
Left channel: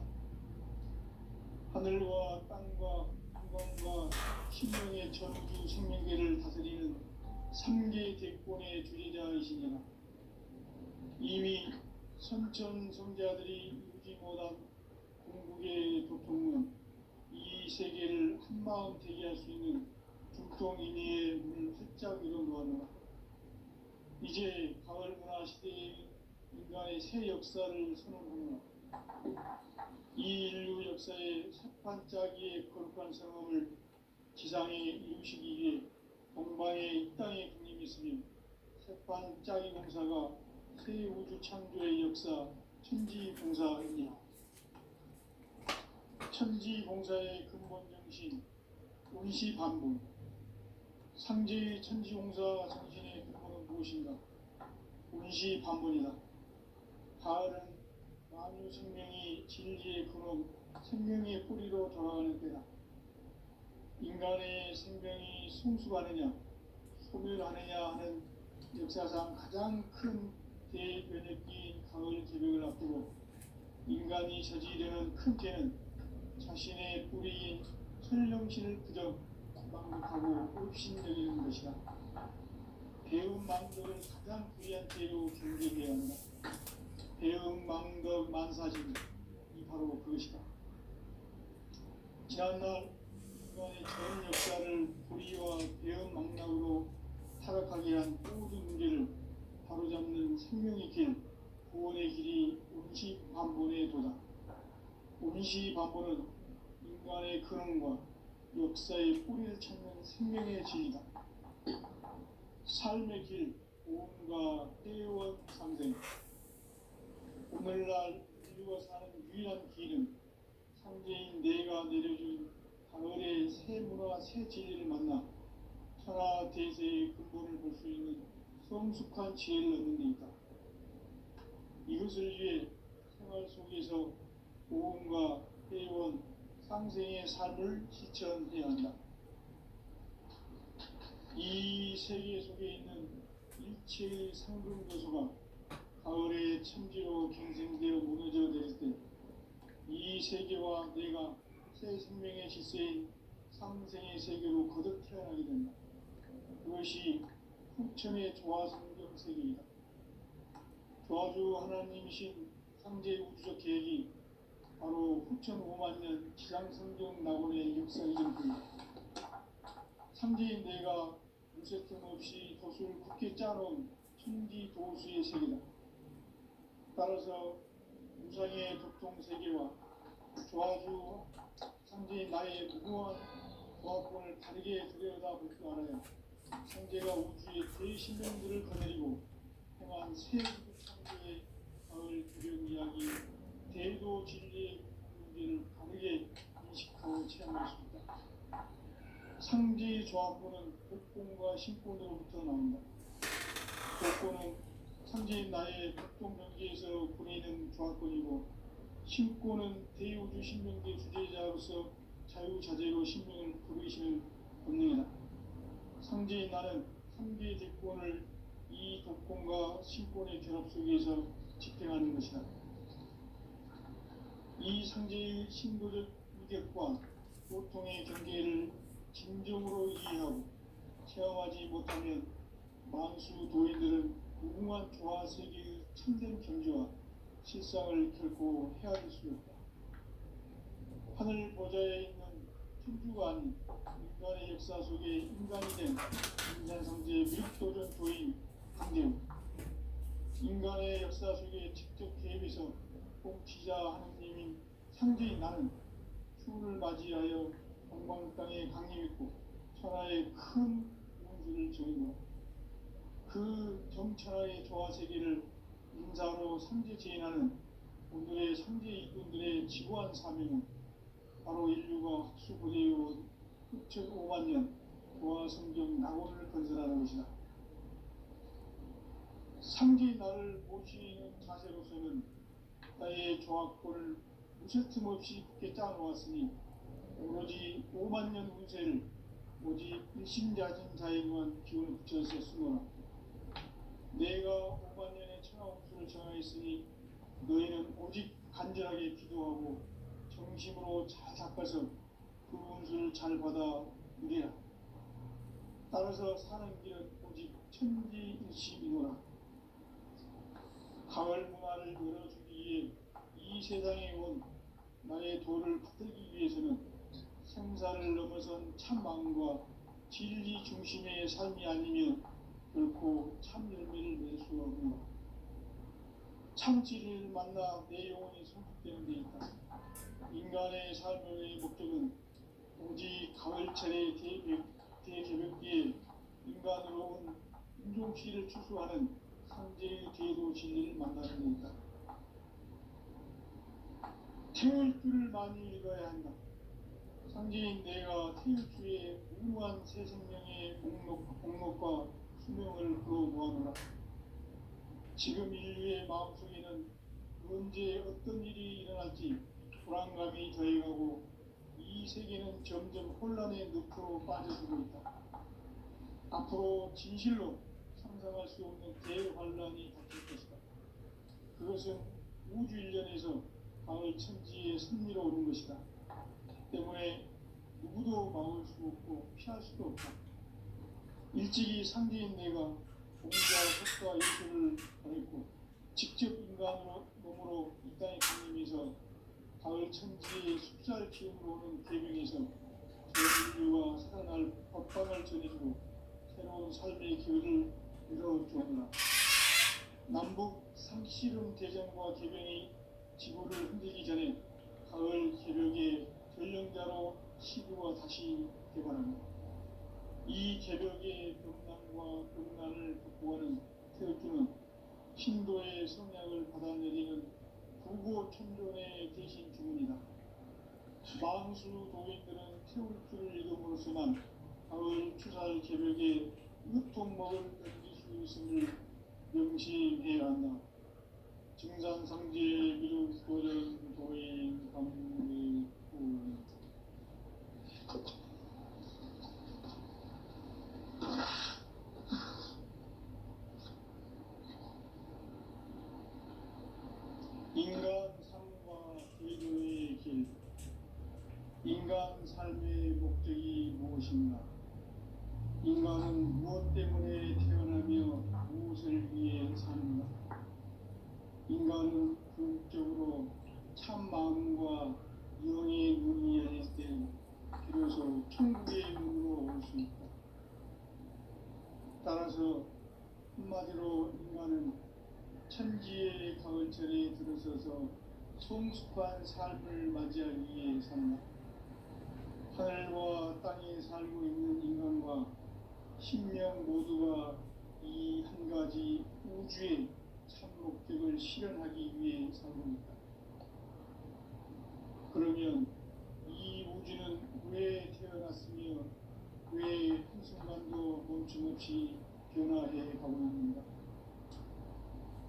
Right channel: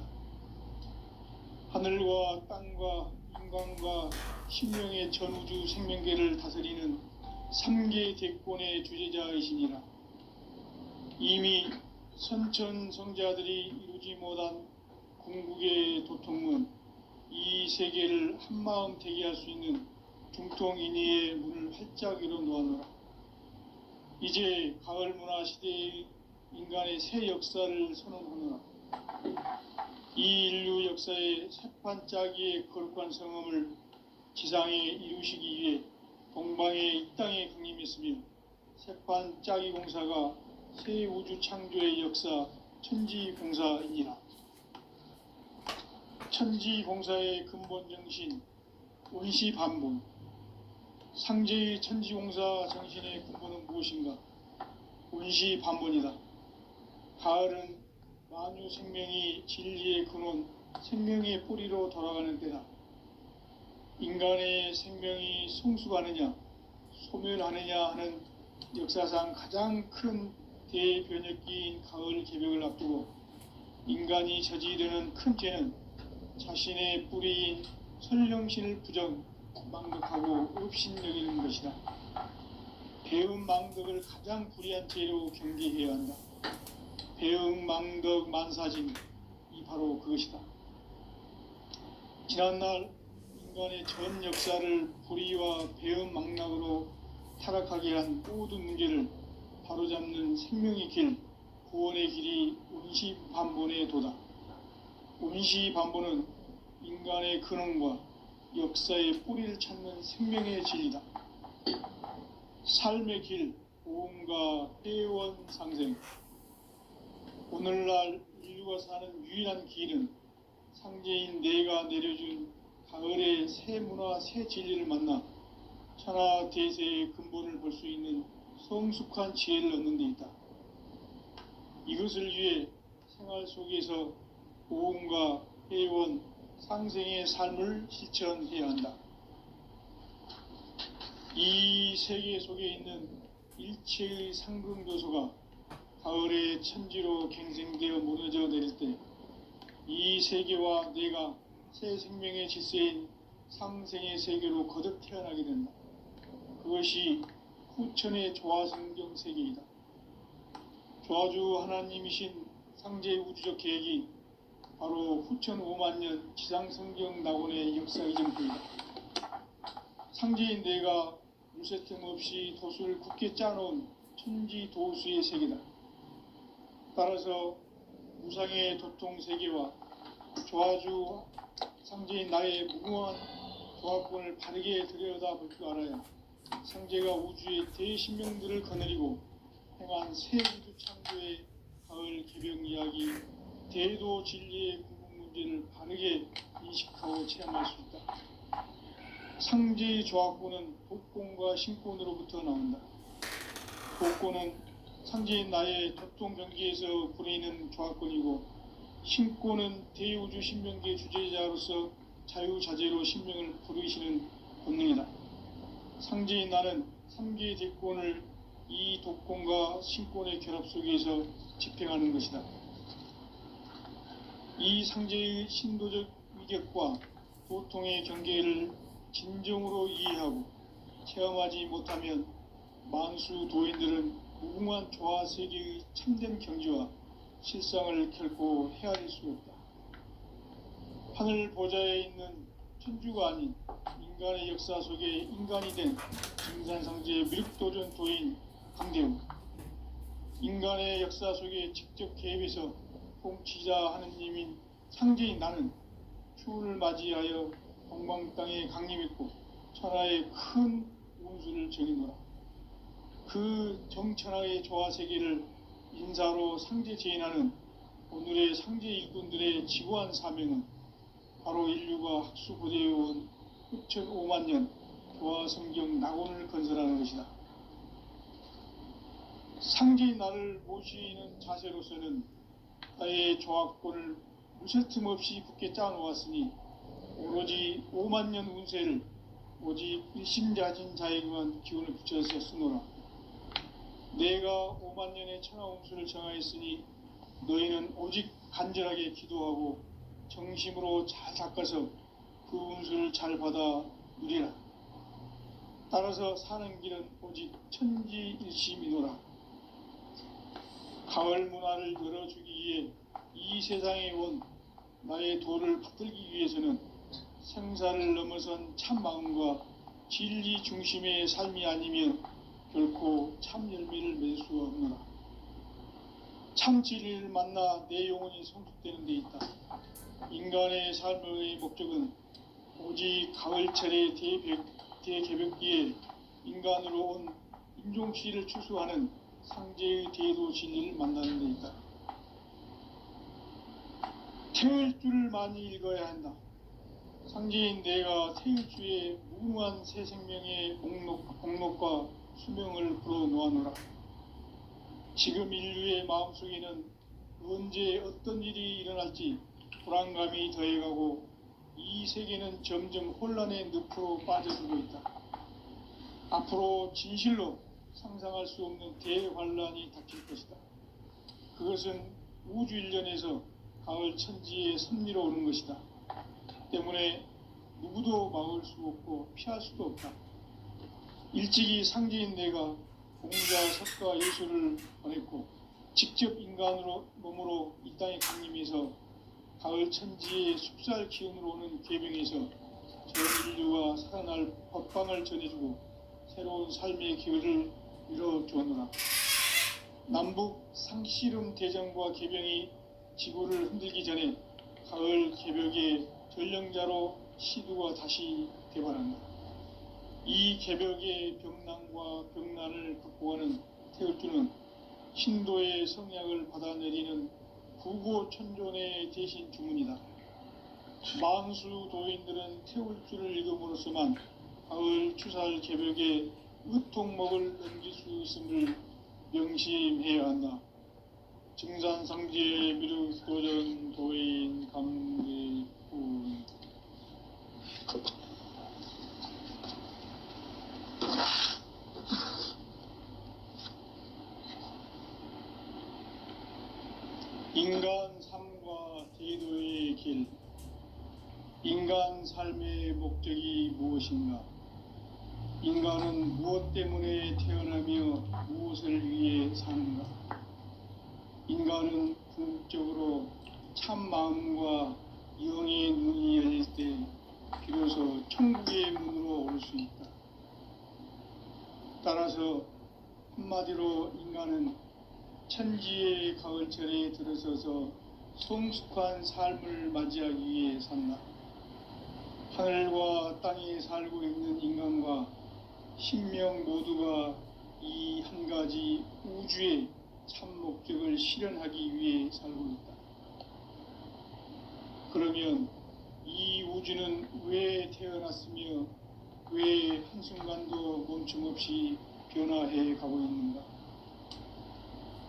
하늘과 땅과 인간과 심령의 전우주 생명계를 다스리는 삼계 대권의 주재자이시니라. 이미 선천성자들이 이루지 못한 궁극의 도통은 이 세계를 한마음 되게 할 수 있는 중통인의의 문을 활짝 열어 놓았노라. 이제 가을 문화 시대의 인간의 새 역사를 선언하노라. 이 인류 역사의 새판짜기의 거룩한 성험을 지상에 이루시기 위해 동방의 이 땅에 강림했으며 새판짜기 공사가 새 우주 창조의 역사 천지공사이니라. 천지공사의 근본 정신 원시반본. 상제의 천지공사 정신의 근본은 무엇인가? 원시반본이다. 가을은 만유 생명이 진리의 근원, 생명의 뿌리로 돌아가는 때다. 인간의 생명이 성숙하느냐, 소멸하느냐 하는 역사상 가장 큰 대변혁기인 가을 개벽을 앞두고 인간이 저지르는 큰 죄는 자신의 뿌리인 선령신을 부정, 망덕하고 업신여기는 것이다. 배음 망덕을 가장 불의한 죄로 경계해야 한다. 배음 망덕 만사진, 이 바로 그것이다. 지난날 인간의 전 역사를 불의와 배음 망락으로 타락하게 한 모든 문제를 바로잡는 생명의 길, 구원의 길이 원시반본의 도다. 원시반본은 인간의 근원과 역사의 뿌리를 찾는 생명의 진리다. 삶의 길, 보험과 회원 상생. 오늘날 인류가 사는 유일한 길은 상제인 내가 내려준 가을의 새 문화, 새 진리를 만나 천하 대세의 근본을 볼 수 있는 성숙한 지혜를 얻는 데 있다. 이것을 위해 생활 속에서 보험과 회원, 상생의 삶을 실천해야 한다. 이 세계 속에 있는 일체의 상근교소가 가을의 천지로 갱생되어 무너져 내릴 때 이 세계와 내가 새 생명의 질서인 상생의 세계로 거듭 태어나게 된다. 그것이 후천의 조화성경 세계이다. 조화주 하나님이신 상제 우주적 계획이 바로 후천 5만년 지상성경 낙원의 역사 이전부이다. 상제인 내가 무쇠 틈 없이 도수를 굳게 짜놓은 천지 도수의 세계다. 따라서 무상의 도통 세계와 조화주 상제인 나의 무궁한 조합권을 바르게 들여다볼 줄 알아야 상제가 우주의 대신명들을 거느리고 행한 새 우주 창조의 가을 개벽 이야기, 대도 진리의 궁극 문제를 바르게 인식하고 체험할 수 있다. 상제의 조합권은 복권과 신권으로부터 나온다. 복권은 상제인 나의 도통 경기에서 부리는 조합권이고, 신권은 대우주 신명계 주제자로서 자유자재로 신명을 부르시는 본능이다. 상제인 나는 3개의 대권을 이 독권과 신권의 결합 속에서 집행하는 것이다. 이 상제의 신도적 위격과 도통의 경계를 진정으로 이해하고 체험하지 못하면 만수 도인들은 무궁한 조화세계의 참된 경지와 실상을 결코 헤아릴 수 없다. 하늘 보좌에 있는 천주가 아닌 인간의 역사 속에 인간이 된 인산상제의 미륵도전 도인 강대우, 인간의 역사 속에 직접 개입해서 통치자 하느님인 상제인 나는 추운을 맞이하여 동방 땅에 강림했고 천하의 큰 운수를 정인 거라. 그 정천하의 조화세계를 인사로 상제 제인하는 오늘의 상제 일꾼들의 지구한 사명은 바로 인류가 학수고대해온 후천 5만년 조화성경 낙원을 건설하는 것이다. 상제인 나를 모시는 자세로서는 나의 조합권을 무쇠틈 없이 굳게 짜놓았으니 오로지 5만년 운세를 오직 일심자진 자에게만 기운을 붙여서 쓰노라. 내가 5만 년의 천하홍수를 정하였으니 너희는 오직 간절하게 기도하고 정심으로 잘 닦아서 그 운수를 잘 받아 누리라. 따라서 사는 길은 오직 천지일심이노라. 가을 문화를 열어주기 위해 이 세상에 온 나의 도를 받들기 위해서는 생사를 넘어선 참 마음과 진리 중심의 삶이 아니면 결코 참 열매를 맺을 수 없노라. 참 진리를 만나 내 영혼이 성숙되는 데 있다. 인간의 삶의 목적은 오직 가을철의 대개벽기에 인간으로 온 인종씨를 추수하는 상제의 대도 진리를 만나는 데 있다. 태을 줄을 많이 읽어야 한다. 상제인 내가 태을주의 무궁한 새 생명의 목록과 수명을 불어놓아노라. 지금 인류의 마음속에는 언제 어떤 일이 일어날지 불안감이 더해가고 이 세계는 점점 혼란의 늪으로 빠져들고 있다. 앞으로 진실로 상상할 수 없는 대환란이 닥칠 것이다. 그것은 우주 일련에서 가을 천지의 섭리로 오는 것이다. 때문에 누구도 막을 수 없고 피할 수도 없다. 일찍이 상제인 내가 공자, 석가, 예수를 보냈고 직접 인간으로 몸으로 이 땅에 강림해서 가을 천지의 숲살 기운으로 오는 계명에서 전 인류가 살아날 법방을 전해주고 새로운 삶의 기회를 열어주었노라. 남북 상씨름 대전과 개병이 지구를 흔들기 전에 가을 개벽의 전령자로 시두가 다시 개발한다. 이 개벽의 병난과 병난을 극복하는 태을주는 신도의 성약을 받아내리는 구고천존의 대신 주문이다. 만수 도인들은 태울주를 읽음으로써만 가을 추살 개벽에 의통목을 얹을 수 있음을 명심해야 한다. 증산상제 미륵도전 도인 감리군. 인간 삶과 제도의 길. 인간 삶의 목적이 무엇인가? 인간은 무엇 때문에 태어나며 무엇을 위해 사는가? 인간은 궁극적으로 참 마음과 영의 눈이 열릴 때 비로소 천국의 문으로 올 수 있다. 따라서 한마디로 인간은 천지의 가을철에 들어서서 성숙한 삶을 맞이하기 위해 산다. 하늘과 땅에 살고 있는 인간과 신명 모두가 이 한 가지 우주의 참 목적을 실현하기 위해 살고 있다. 그러면 이 우주는 왜 태어났으며 왜 한순간도 멈춤없이 변화해 가고 있는가?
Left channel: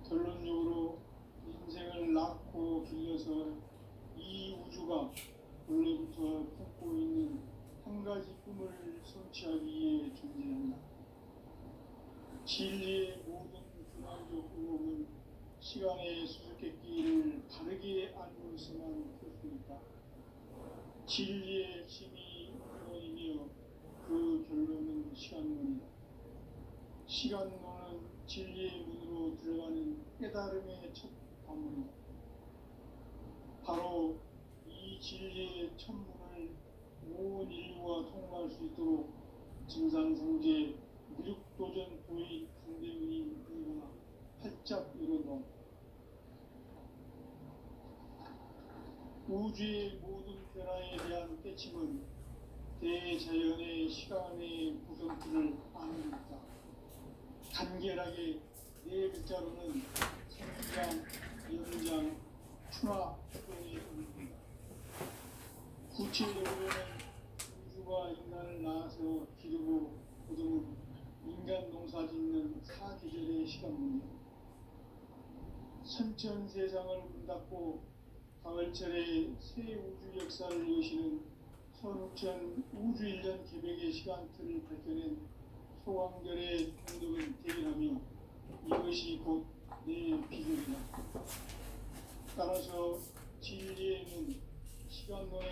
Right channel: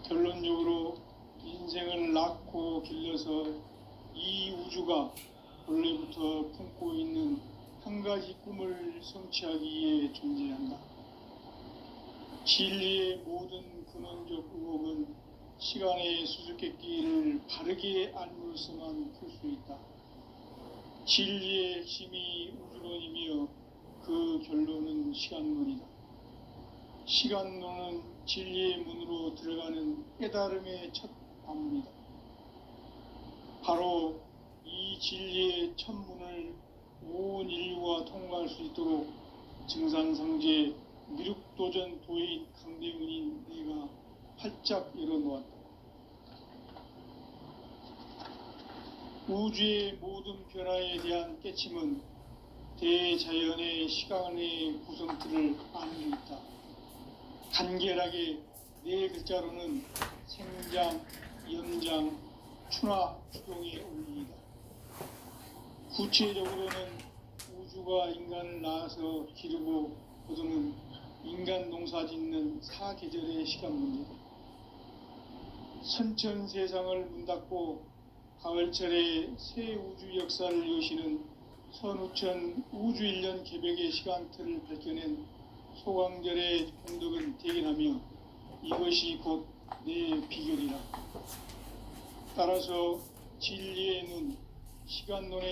결론적으로 인생을 낳고 길러서 이 우주가 원래부터 품고 있는 한 가지 꿈을 성취하기 위해 존재한다. 진리의 모든 근원적 의혹은 시간의 수수께끼를 바르게 알므로서만 풀 수 있다. 진리의 핵심이 우주론이며 그 결론은 시간론이다. 시간론은 진리의 문으로 들어가는 깨달음의 첫 관문이다. 바로 이 진리의 첫 문을 온 인류가 통과할 수 있도록 증산상제 미륵도전 도인 강대훈인 내가 활짝 열어놓았다. 우주의 모든 변화에 대한 깨침은 대자연의 시간의 구성틀을 아는 데 있다. 간결하게 네 글자로는 생장, 연장, 추나, 추동의 원리이다. 구체적으로는 우주가 인간을 낳아서 기르고 거두는 인간 농사 짓는 사계절의 시간 문제다. 선천 세상을 문 닫고 가을철에 새 우주 역사를 여시는 선우천 우주일년 개벽의 시간틀을 밝혀낸 소강절의 공덕은 대견하며 이것이 곧 내 비결이라. 따라서 진리의 눈, 시간론의